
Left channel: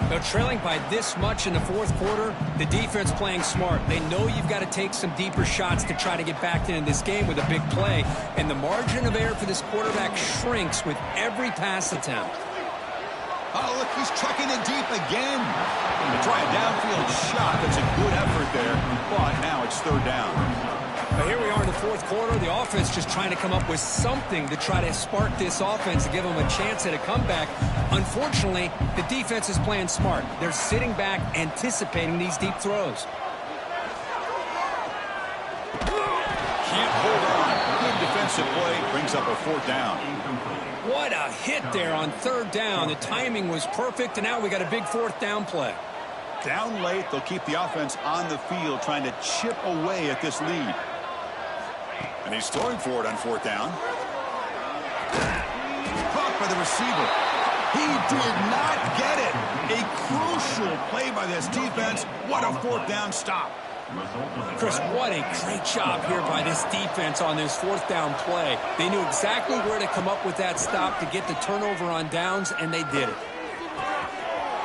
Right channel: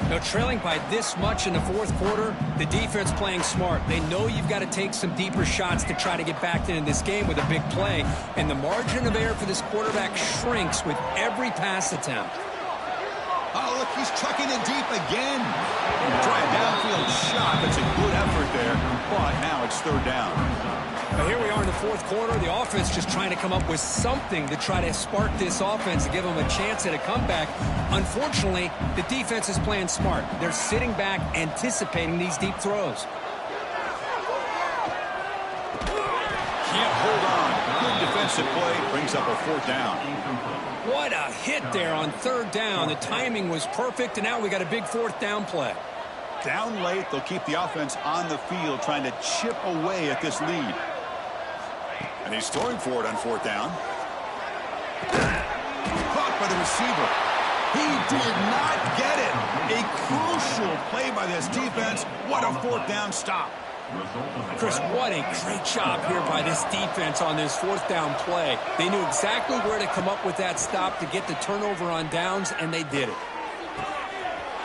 Now, trailing by this much in the fourth quarter, the defense playing smart. They know you've got to take some deeper shots to try to get back into this game with a big play. And the margin of error for this quarterback shrinks with every pass attempt. Oh, look, he's chucking it deep again. Try a downfield shot. That's a good effort there. But now it's third down. Now here we are in the fourth quarter. The offense just trying to come up with something to try to spark this offense to give them a chance at a comeback. Unfortunately, the defense is playing smart. They're sitting back, anticipating these deep throws. hold on. Good defensive play. Brings up a fourth down. What a hit there on third down. The timing was perfect, and now we got a big fourth down play. Down late, they'll keep the offense on the field trying to chip away at this lead. And he's throwing for it on fourth down. Caught by the receiver. He did not get it. A crucial play by this defense. What a fourth down stop. Chris, what a great job here by this defense on this fourth down play. They knew exactly where to come up with that stop to get the turnover on downs, and they did it.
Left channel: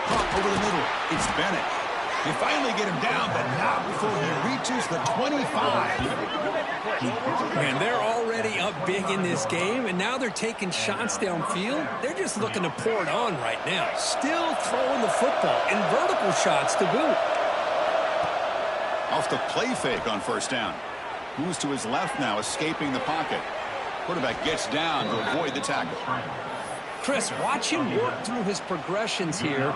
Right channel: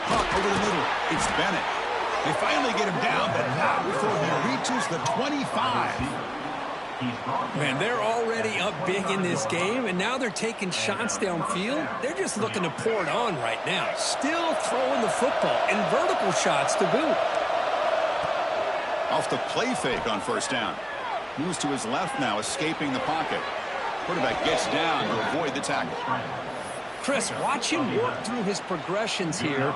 Caught over the middle. It's Bennett. They finally get him down, but not before he reaches the 25. Man, they're already up big in this game, and now they're taking shots downfield. They're just looking to pour it on right now. Still throwing the football, and vertical shots to boot. Off the play fake on first down. Moves to his left now, escaping the pocket. Quarterback gets down to avoid the tackle. Chris, watch him work through his progressions here.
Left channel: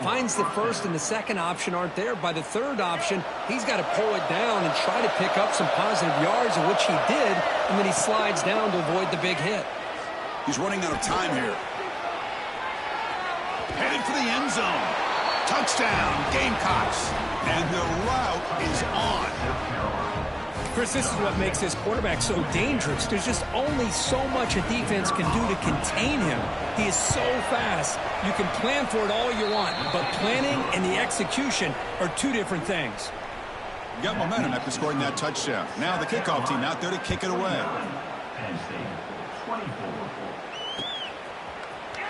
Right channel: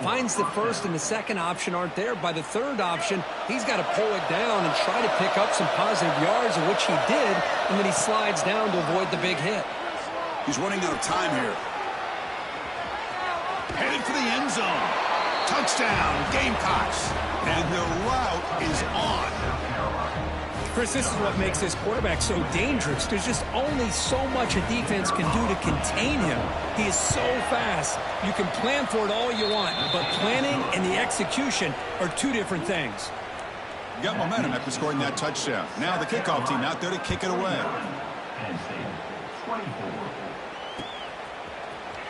Finds the first and the second option aren't there. By the third option, he's got to pull it down and try to pick up some positive yards, of which he did, and then he slides down to avoid the big hit. He's running out of time here. Headed for the end zone. Touchdown, Gamecocks. And the route is on. Chris, this is what makes this quarterback so dangerous. There's just only so much a defense can do to contain him. He is so fast. You can plan for it all you want, but planning and the execution are two different things. You got momentum after scoring that touchdown. Now the kickoff team out there to kick it away. Penn State, 24.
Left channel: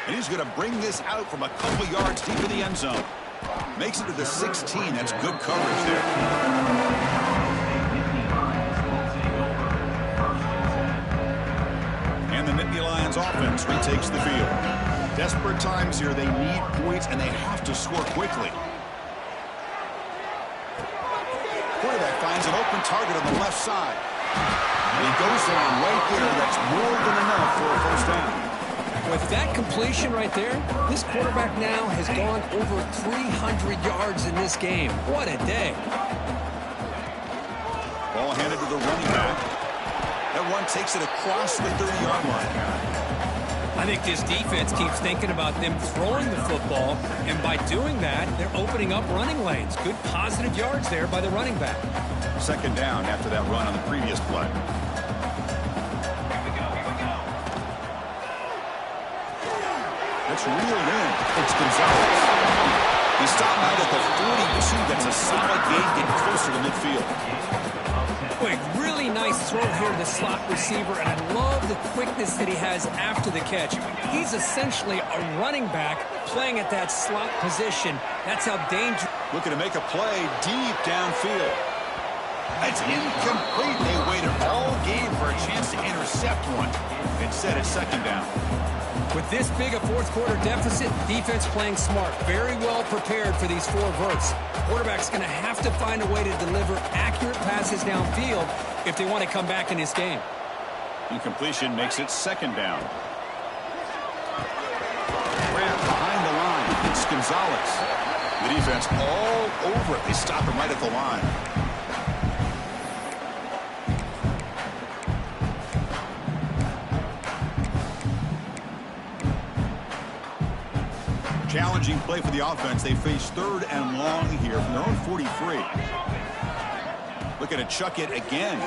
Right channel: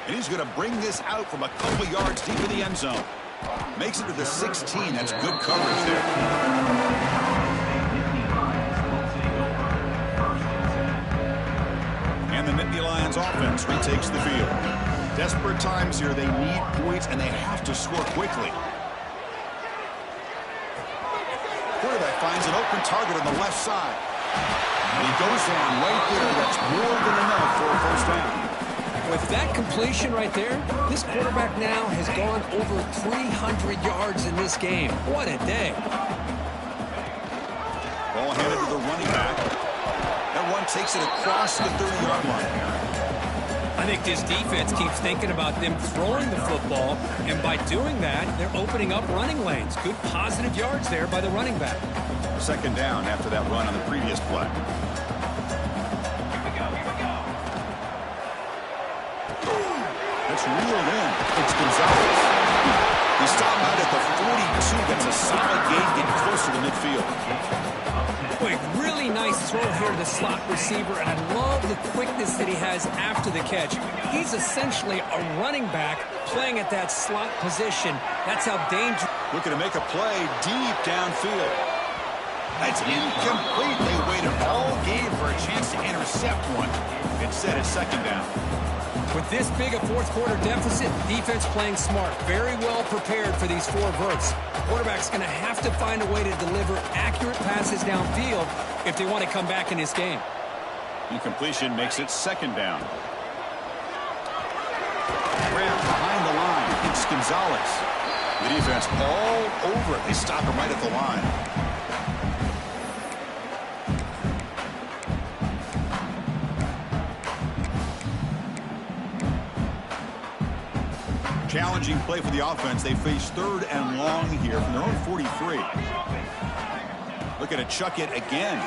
And he's going to bring this out from a couple yards deep in the end zone. Makes it to the 16. That's good coverage there. And the Nittany Lions offense retakes the field. Desperate times here. They need points, and they have to score quickly. Quarterback finds an open target on the left side. And he goes down right there. That's more than enough for a first down. With that completion right there, this quarterback now has gone over 300 yards in this game. What a day. Ball handed to the running back. That run takes it across the 30-yard line. I think this defense keeps thinking about them throwing the football, and by doing that, they're opening up running lanes. Good positive yards there by the running back. Second down after that run on the previous play. That's reeled in. It's Gonzalez. He stopped out at the 42. That's a solid gain, getting closer to midfield. Boy, really nice throw here to the slot receiver, and I love the quickness that he has after the catch. He's essentially a running back playing at that slot position. That's how dangerous. Looking to make a play deep downfield. That's incomplete. They waited all game for a chance to intercept one. Instead, it's second down. With this big a fourth quarter deficit, defense playing smart, very well prepared for these four verts. Quarterback's going to have to find a way to deliver accurate passes downfield if they want to come back in this game. Incompletion makes it second down. Grabbed behind the line. It's Gonzalez. The defense all over it. They stop him right at the line. Challenging play for the offense. They face third and long here from their own 43. Looking to chuck it again.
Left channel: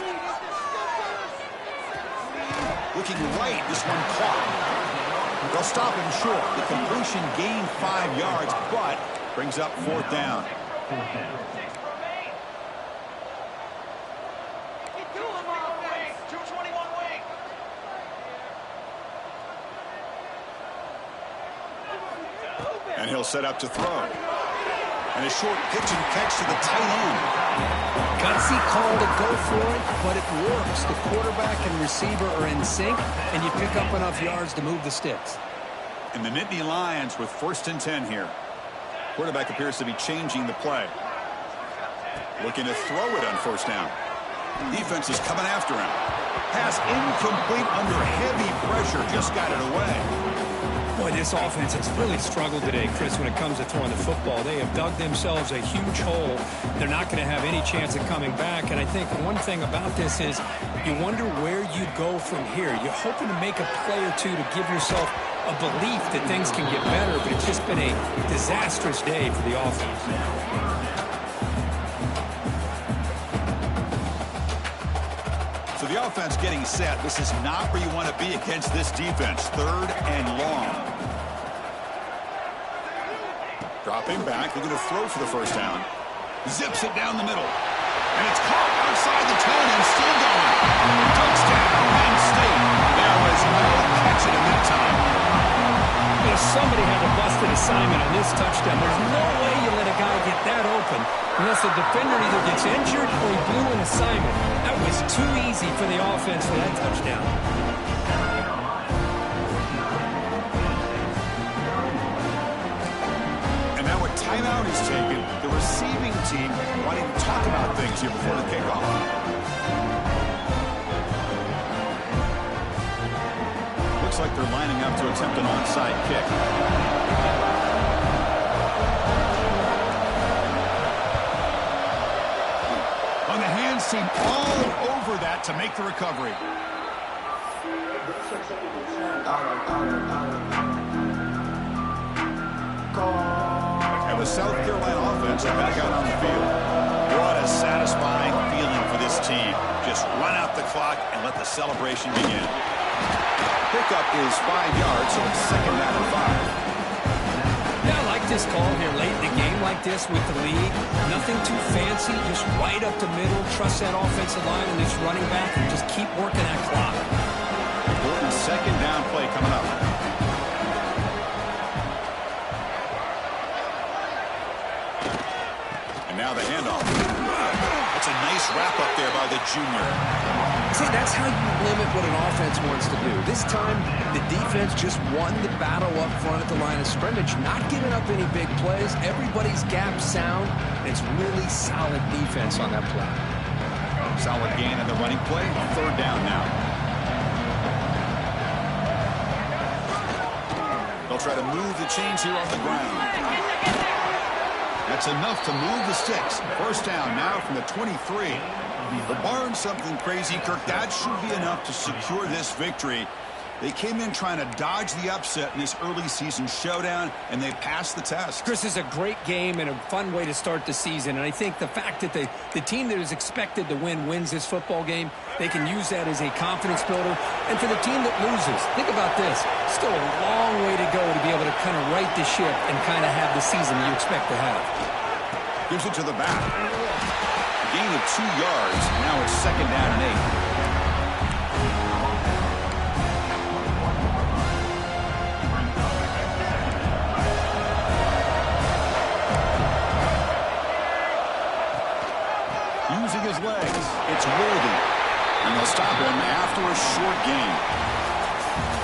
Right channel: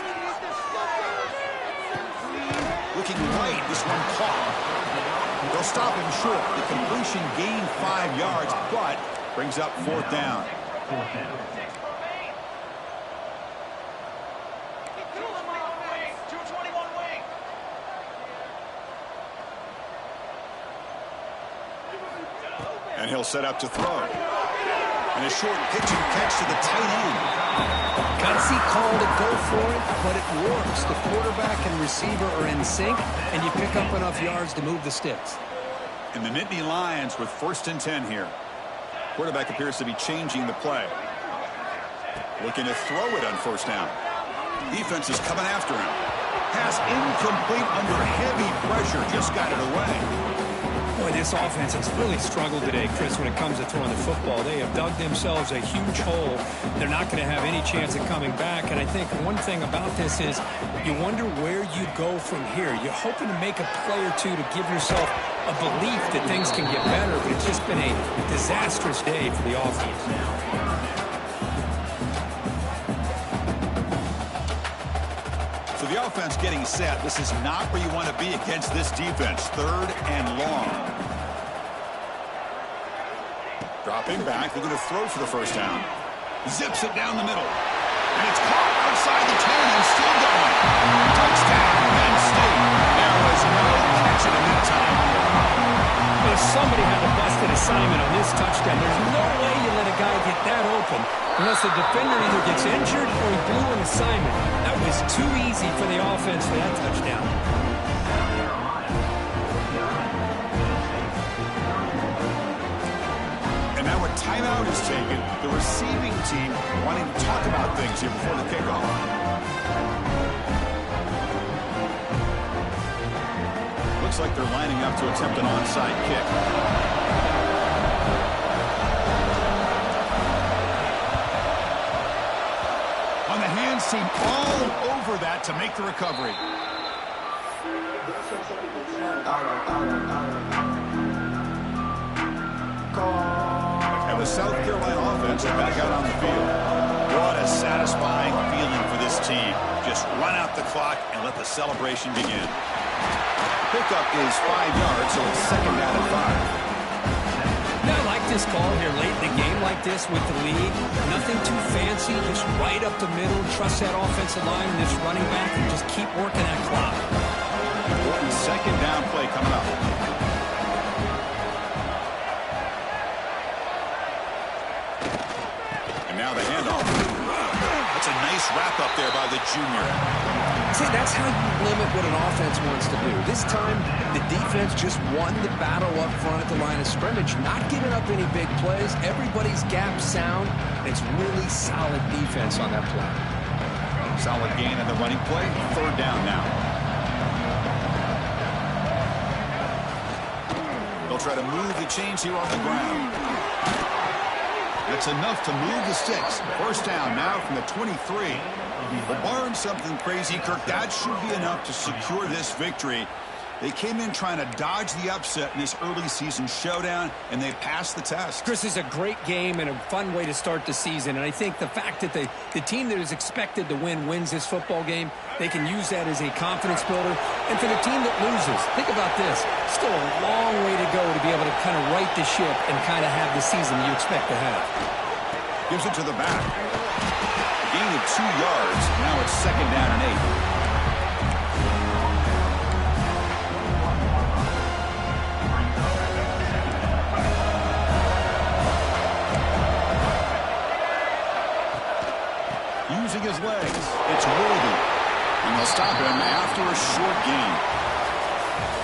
Looking right. This one caught. They'll stop him short. The completion gained 5 yards, but brings up fourth down. And he'll set up to throw. And a short pitch and catch to the tight end. Gutsy call to go for it, but it works. The quarterback and receiver are in sync, and you pick up enough yards to move the sticks. And the Nittany Lions with 1st and 10 here. Quarterback appears to be changing the play. Looking to throw it on first down. Defense is coming after him. Pass incomplete under heavy pressure. Just got it away. Boy, Boy, this offense has really struggled today, Chris, when it comes to throwing the football. They have dug themselves a huge hole. They're not going to have any chance of coming back. And I think one thing about this is you wonder where you go from here. You're hoping to make a play or two to give yourself a belief that things can get better, but it's just been a disastrous day for the offense. So the offense getting set. This is not where you want to be against this defense. 3rd and long. Dropping back. They're going to throw for the first down. Zips it down the middle. And it's caught outside the 10 and still going. Touchdown, Penn State. There was no catching him that time. But if somebody had to bust an assignment on this touchdown, there's no way you let a guy get that open unless the defender either gets injured or he blew an assignment. That was too easy for the offense for that touchdown. And now a timeout is taken. The receiving team wanting to talk about things here before the kickoff. Looks like they're lining up to attempt an onside kick. On the hands team all over that to make the recovery. And the South Carolina offense is back out on the field. What a satisfying feeling for this team. Just run out the clock and let the celebration begin. Pickup is 5 yards, so it's 2nd down and 5. Yeah, I like this call here late in the game like this with the lead. Nothing too fancy, just right up the middle. Trust that offensive line and this running back and just keep working that clock. Important 2nd down play coming up. And now the handoff. That's a nice wrap up there by the junior. See, that's how you limit what an offense wants to do. This time, the defense just won the battle up front at the line of scrimmage, not giving up any big plays. Everybody's gap sound. It's really solid defense on that play. Solid gain in the running play. 3rd down now. They'll try to move the chains here on the ground. That's enough to move the sticks. 1st down now from the 23. But barring something crazy, Kirk, that should be enough to secure this victory. They came in trying to dodge the upset in this early season showdown, and they passed the test. Chris, is a great game and a fun way to start the season. And I think the fact that the team that is expected to win wins this football game, they can use that as a confidence builder. And for the team that loses, think about this. Still a long way to go to be able to kind of right the ship and kind of have the season you expect to have. Gives it to the back. Gain of 2 yards. Now it's 2nd down and 8. Using his legs. It's Worthy. And they'll stop him after a short gain.